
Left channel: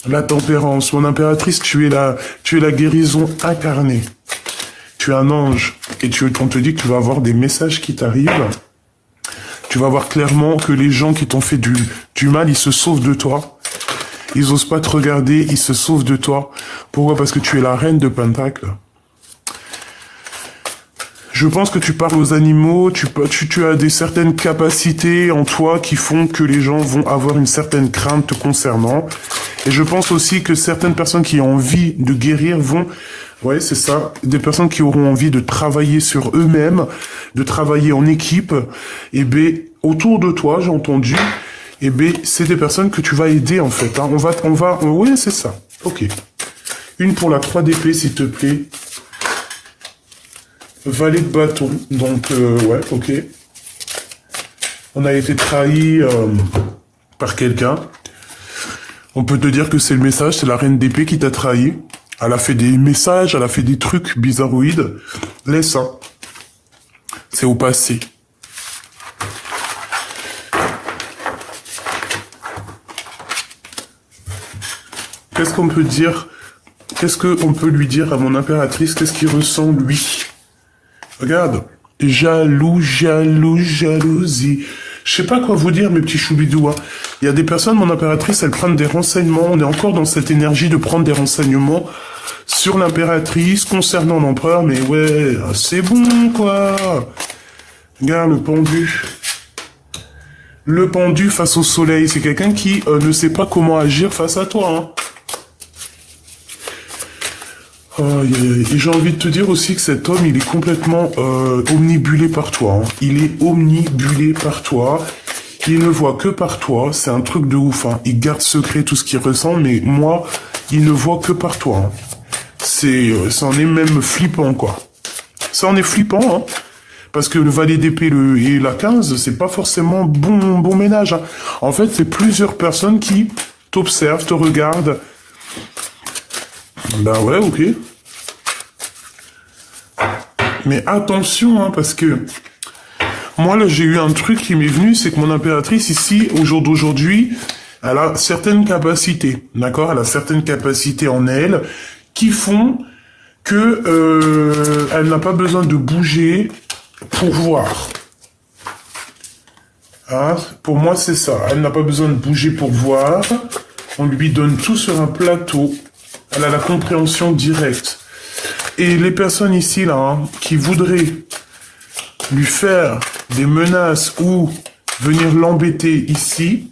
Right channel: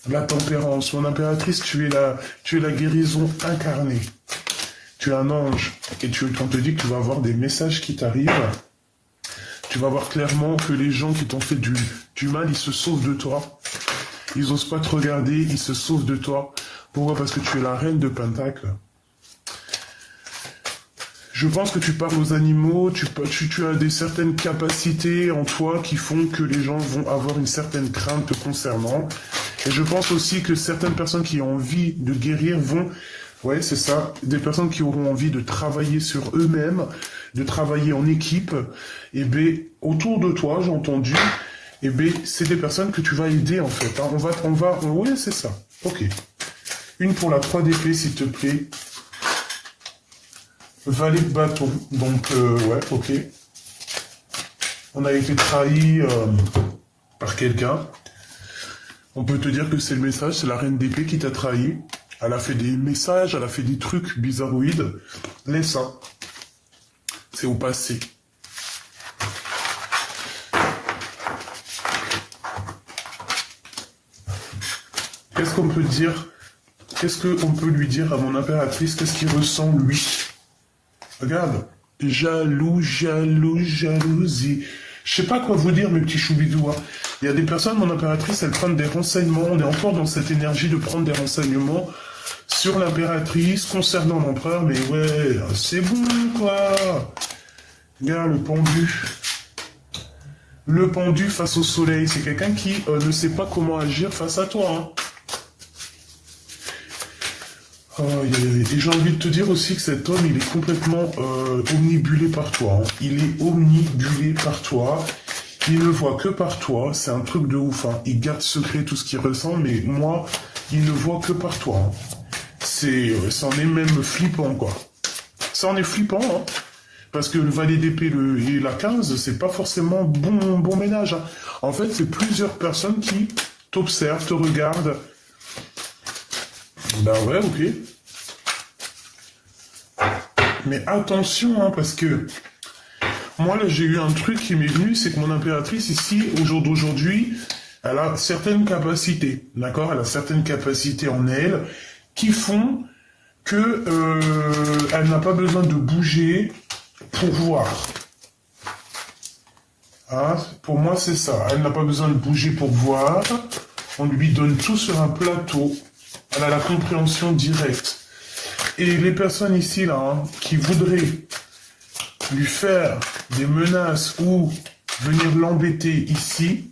La tempérance, mon impératrice, tu es la guérison incarnée. Tu es un ange, et on te dit que tu vas avoir des messages qui t'arrivent. Tu vas voir clairement que les gens qui t'ont fait du mal, ils se sauvent de toi. Ils osent pas te regarder, ils se sauvent de toi. Pourquoi? Parce que tu es la reine de Pentacle. Je pense que tu parles aux animaux, tu as certaines capacités en toi qui font que les gens vont avoir une certaine crainte te concernant. Et je pense aussi que certaines personnes qui ont envie de guérir vont... Ouais, c'est ça. Des personnes qui auront envie de travailler sur eux-mêmes, de travailler en équipe. Et bien, autour de toi, j'ai entendu... Eh bien, c'est des personnes que tu vas aider, en fait. Hein. Oui, c'est ça. Ok. Une pour la 3 d'épée, s'il te plaît. Valet de bâton. Donc, ouais, ok. On a été trahi par quelqu'un. On peut te dire que c'est le message, c'est la reine d'épée qui t'a trahi. Elle a fait des messages, elle a fait des trucs bizarroïdes. Laisse ça. C'est au passé. Qu'est-ce qu'on peut dire? Qu'est-ce qu'on peut lui dire à mon impératrice? Qu'est-ce qu'il ressent, lui? Regarde. Jaloux, jaloux, jalousie. Je sais pas quoi vous dire, mes petits choubidous. Hein. Il y a des personnes, mon impératrice, elles prennent des renseignements. On est encore dans cette énergie de prendre des renseignements sur l'impératrice, concernant l'empereur. Mais ouais, c'est bon, quoi. Regarde, le pendu. Le pendu face au soleil. C'est quelqu'un qui ne sait pas comment agir face à toi, hein. Et j'ai envie de te dire aussi que cet homme, il est complètement omnibulé par toi. Hein. Il est omnibulé par toi. Il ne voit que par toi. C'est un truc de ouf. Hein. Il garde secret tout ce qu'il ressent, mais moi, il ne voit que par toi. Hein. Ça en est même flippant, quoi. Ça en est flippant, hein. Parce que le valet d'épée et la 15, c'est pas forcément bon ménage. Hein. En fait, c'est plusieurs personnes qui t'observent, te regardent. Ben ouais, ok. Mais attention, hein, parce que moi, là, j'ai eu un truc qui m'est venu, c'est que mon impératrice, ici, au jour d'aujourd'hui, elle a certaines capacités, d'accord? Elle a certaines capacités en elle qui font que elle n'a pas besoin de bouger pour voir. Hein? Pour moi, c'est ça. Elle n'a pas besoin de bouger pour voir. On lui donne tout sur un plateau. Elle a la compréhension directe. Et les personnes ici, là, hein, qui voudraient lui faire des menaces ou venir l'embêter ici,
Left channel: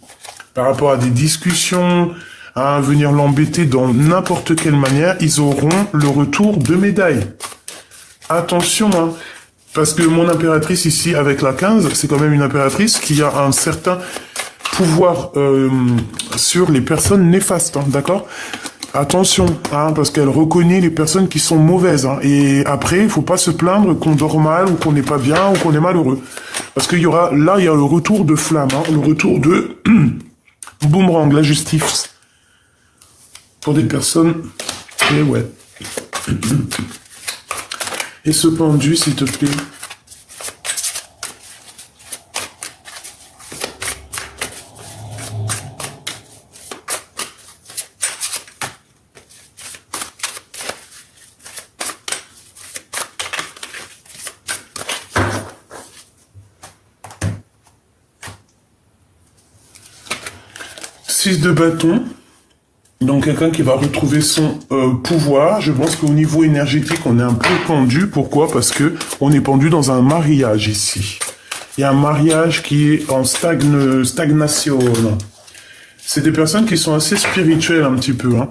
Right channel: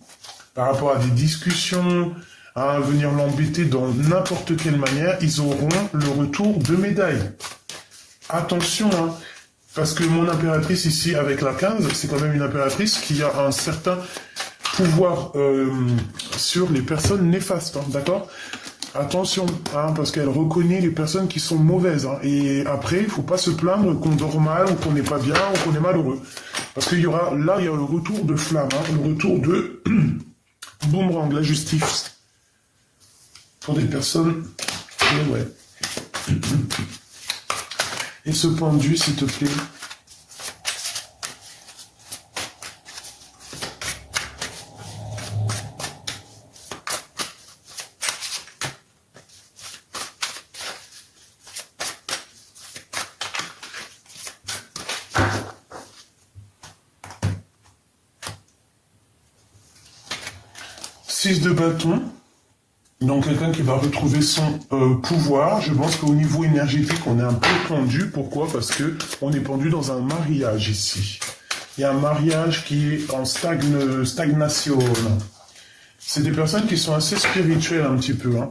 par rapport à des discussions, à venir l'embêter dans n'importe quelle manière, ils auront le retour de médaille. Attention, hein, parce que mon impératrice ici, avec la 15, c'est quand même une impératrice qui a un certain pouvoir sur les personnes néfastes, hein, d'accord ? Attention, hein, parce qu'elle reconnaît les personnes qui sont mauvaises. Hein, et après, il faut pas se plaindre qu'on dort mal, ou qu'on n'est pas bien, ou qu'on est malheureux. Parce qu'il y aura, là, il y a le retour de flamme, hein, le retour de boomerang, la justice. Pour des personnes... Et ouais. Et ce pendu, s'il te plaît. Six de bâton, donc quelqu'un qui va retrouver son pouvoir. Je pense qu'au niveau énergétique, on est un peu pendu. Pourquoi? Parce que on est pendu dans un mariage ici. Il y a un mariage qui est en stagnation. C'est des personnes qui sont assez spirituelles un petit peu. Hein.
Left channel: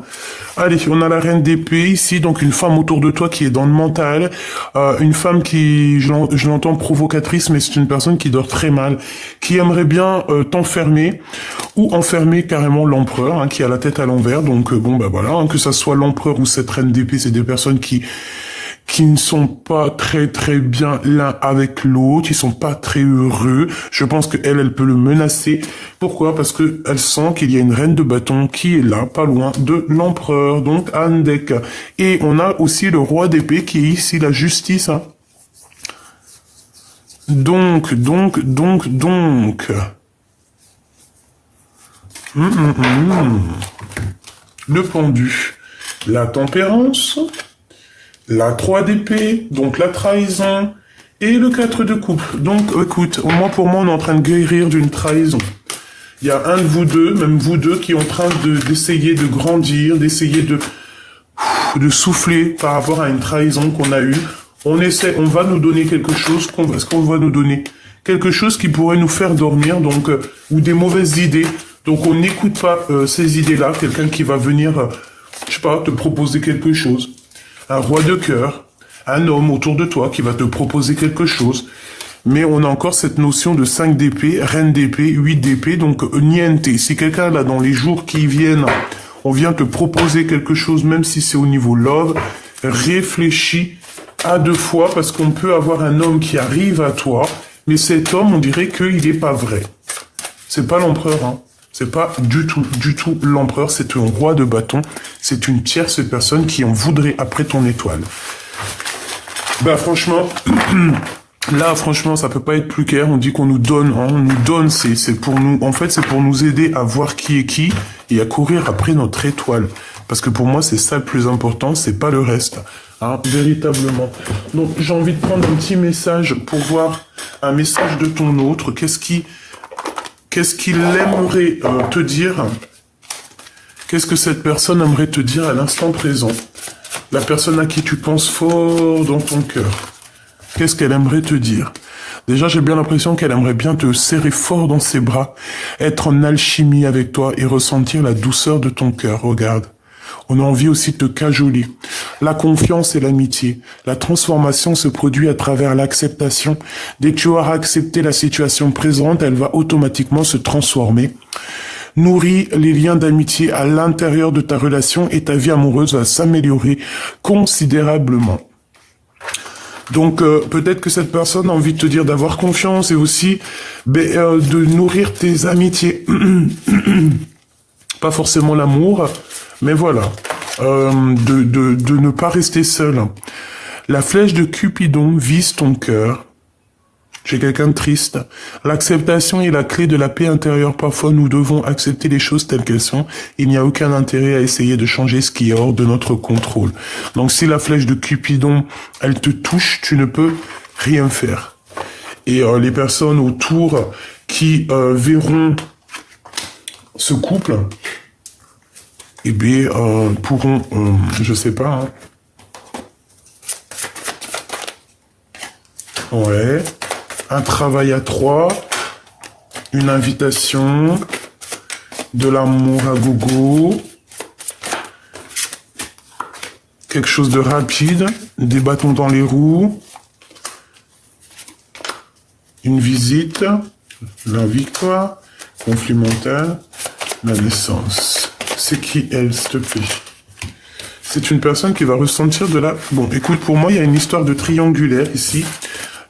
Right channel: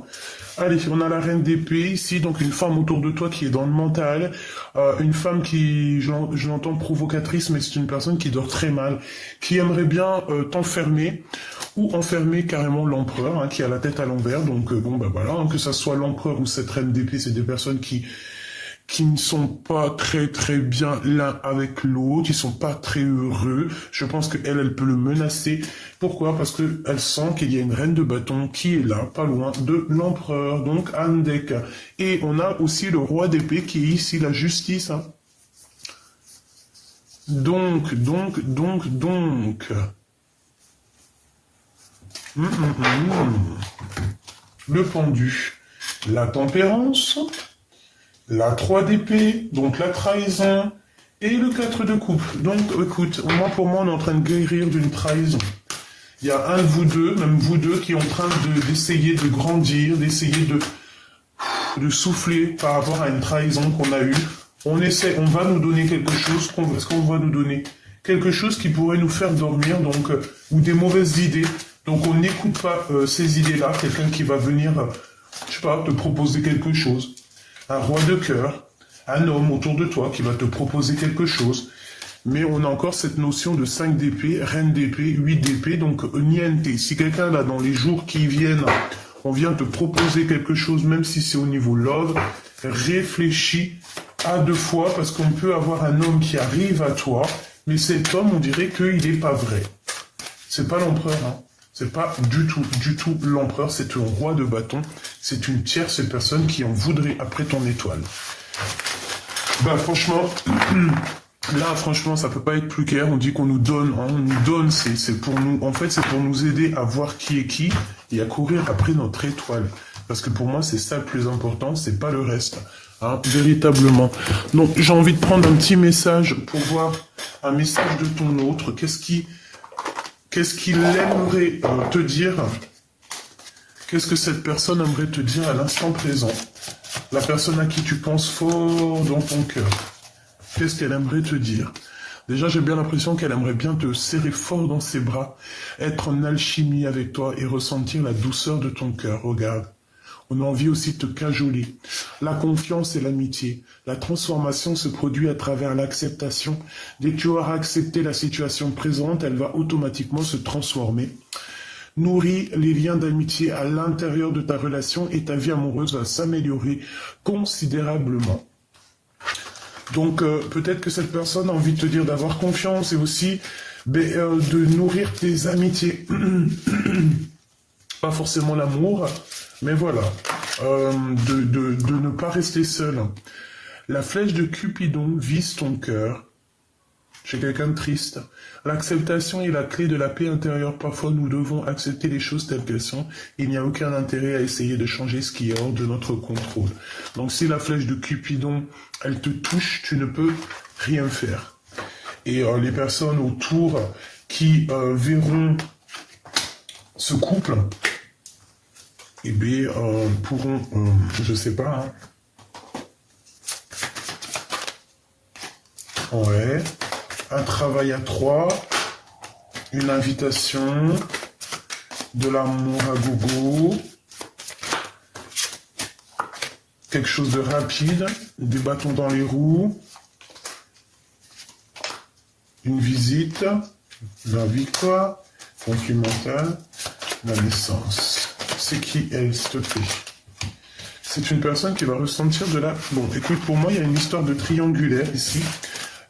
Allez, on a la reine d'épée ici, donc une femme autour de toi qui est dans le mental, une femme qui, je l'entends provocatrice, mais c'est une personne qui dort très mal, qui aimerait bien t'enfermer ou enfermer carrément l'empereur, hein, qui a la tête à l'envers. Donc bon bah voilà, hein, que ça soit l'empereur ou cette reine d'épée, c'est des personnes qui ne sont pas très bien l'un avec l'autre, ils sont pas très heureux. Je pense qu'elle, elle peut le menacer. Pourquoi? Parce que elle sent qu'il y a une reine de bâton qui est là, pas loin de l'empereur, donc Andek. Et on a aussi le roi d'épée qui est ici, la justice. Hein. Donc. Le pendu. La tempérance. La 3 d'épée, donc la trahison, et le 4 de coupe. Donc, écoute, pour moi, on est en train de guérir d'une trahison. Il y a un de vous deux, même vous deux, qui est en train d'essayer de grandir, d'essayer de souffler par rapport à une trahison qu'on a eue. On va nous donner quelque chose, est-ce qu'on va nous donner quelque chose qui pourrait nous faire dormir, donc, ou des mauvaises idées. Donc, on n'écoute pas ces idées-là, quelqu'un qui va venir, je sais pas, te proposer quelque chose. Un roi de cœur, un homme autour de toi qui va te proposer quelque chose. Mais on a encore cette notion de 5 d'épée, reine d'épée, 8 d'épée, donc niente. Si quelqu'un là dans les jours qui viennent, on vient te proposer quelque chose, même si c'est au niveau love, réfléchis à 2 fois parce qu'on peut avoir un homme qui arrive à toi, mais cet homme, on dirait qu'il n'est pas vrai. C'est pas l'empereur, hein. C'est pas du tout l'empereur, c'est un roi de bâton. C'est une tierce personne qui en voudrait après ton étoile. Ben franchement, là franchement, ça peut pas être plus clair. On dit qu'on nous donne, hein, on nous donne, c'est pour nous, en fait, c'est pour nous aider à voir qui est qui et à courir après notre étoile. Parce que pour moi, c'est ça le plus important, c'est pas le reste. Hein, véritablement. Donc j'ai envie de prendre un petit message pour voir un message de ton autre. Qu'est-ce qu'il aimerait te dire? Qu'est-ce que cette personne aimerait te dire à l'instant présent? La personne à qui tu penses fort dans ton cœur. Qu'est-ce qu'elle aimerait te dire? Déjà, j'ai bien l'impression qu'elle aimerait bien te serrer fort dans ses bras, être en alchimie avec toi et ressentir la douceur de ton cœur. Regarde. On a envie aussi de te cajoler. La confiance et l'amitié. La transformation se produit à travers l'acceptation. Dès que tu auras accepté la situation présente, elle va automatiquement se transformer. Nourris les liens d'amitié à l'intérieur de ta relation et ta vie amoureuse va s'améliorer considérablement. Donc peut-être que cette personne a envie de te dire d'avoir confiance et aussi de nourrir tes amitiés. Pas forcément l'amour, mais voilà, de ne pas rester seul. La flèche de Cupidon vise ton cœur. J'ai quelqu'un de triste. L'acceptation est la clé de la paix intérieure. Parfois, nous devons accepter les choses telles qu'elles sont. Il n'y a aucun intérêt à essayer de changer ce qui est hors de notre contrôle. Donc, si la flèche de Cupidon, elle te touche, tu ne peux rien faire. Et les personnes autour qui verront ce couple, eh bien, pourront, je sais pas, hein. Ouais. Un travail à 3, une invitation, de l'amour à gogo, quelque chose de rapide, des bâtons dans les roues, une visite, la victoire, conflit mental, la naissance. C'est qui elle, s'il te plaît? C'est une personne qui va ressentir de la... Bon, écoute, pour moi, il y a une histoire de triangulaire ici.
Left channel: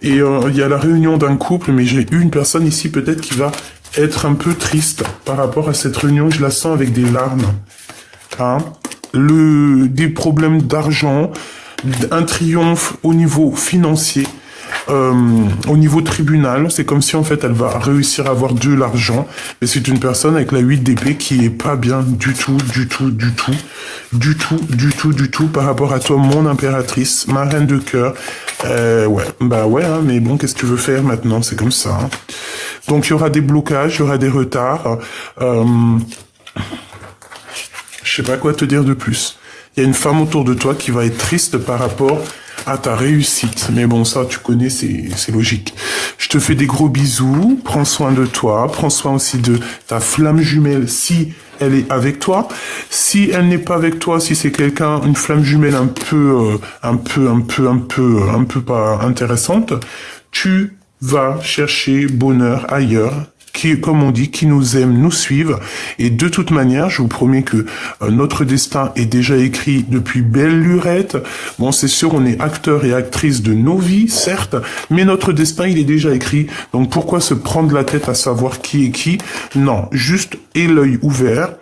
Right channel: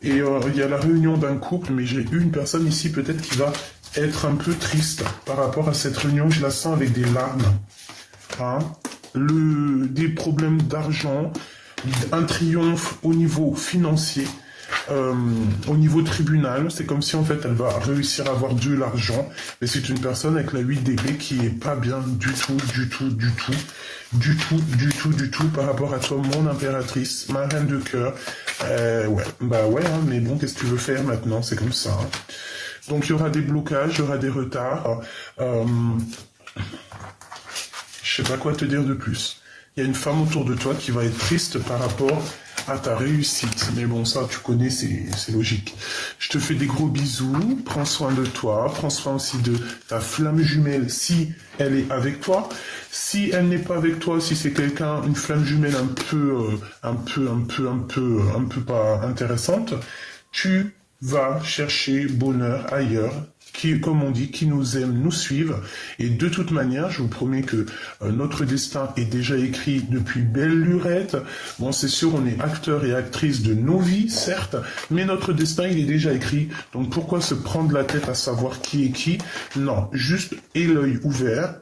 Et il y a la réunion d'un couple, mais j'ai une personne ici peut-être qui va être un peu triste par rapport à cette réunion. Je la sens avec des larmes. Hein? Des problèmes d'argent, un triomphe au niveau financier, au niveau tribunal. C'est comme si en fait elle va réussir à avoir de l'argent. Et c'est une personne avec la 8 d'épée qui est pas bien du tout par rapport à toi, mon impératrice, ma reine de cœur. Ouais, bah ouais, hein, mais bon, qu'est-ce que tu veux faire maintenant? C'est comme ça. Hein. Donc il y aura des blocages, il y aura des retards. Je sais pas quoi te dire de plus. Il y a une femme autour de toi qui va être triste par rapport à ta réussite. Mais bon, ça, tu connais, c'est logique. Je te fais des gros bisous, prends soin de toi, prends soin aussi de ta flamme jumelle si elle est avec toi. Si elle n'est pas avec toi, si c'est quelqu'un, une flamme jumelle un peu pas intéressante, tu vas chercher bonheur ailleurs, qui, comme on dit, qui nous aiment, nous suivent. Et de toute manière, je vous promets que notre destin est déjà écrit depuis belle lurette. Bon, c'est sûr, on est acteur et actrice de nos vies, certes, mais notre destin, il est déjà écrit. Donc pourquoi se prendre la tête à savoir qui est qui? Non, juste aie l'œil ouvert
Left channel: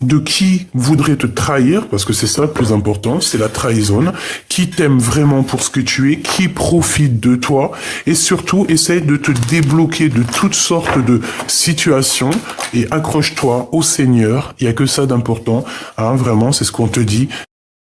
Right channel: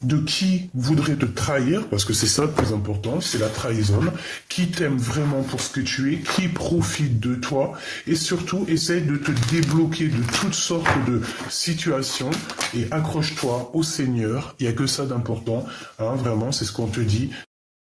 de qui voudrait te trahir, parce que c'est ça le plus important, c'est la trahison, qui t'aime vraiment pour ce que tu es, qui profite de toi, et surtout, essaye de te débloquer de toutes sortes de situations, et accroche-toi au Seigneur, il n'y a que ça d'important, hein, vraiment, c'est ce qu'on te dit.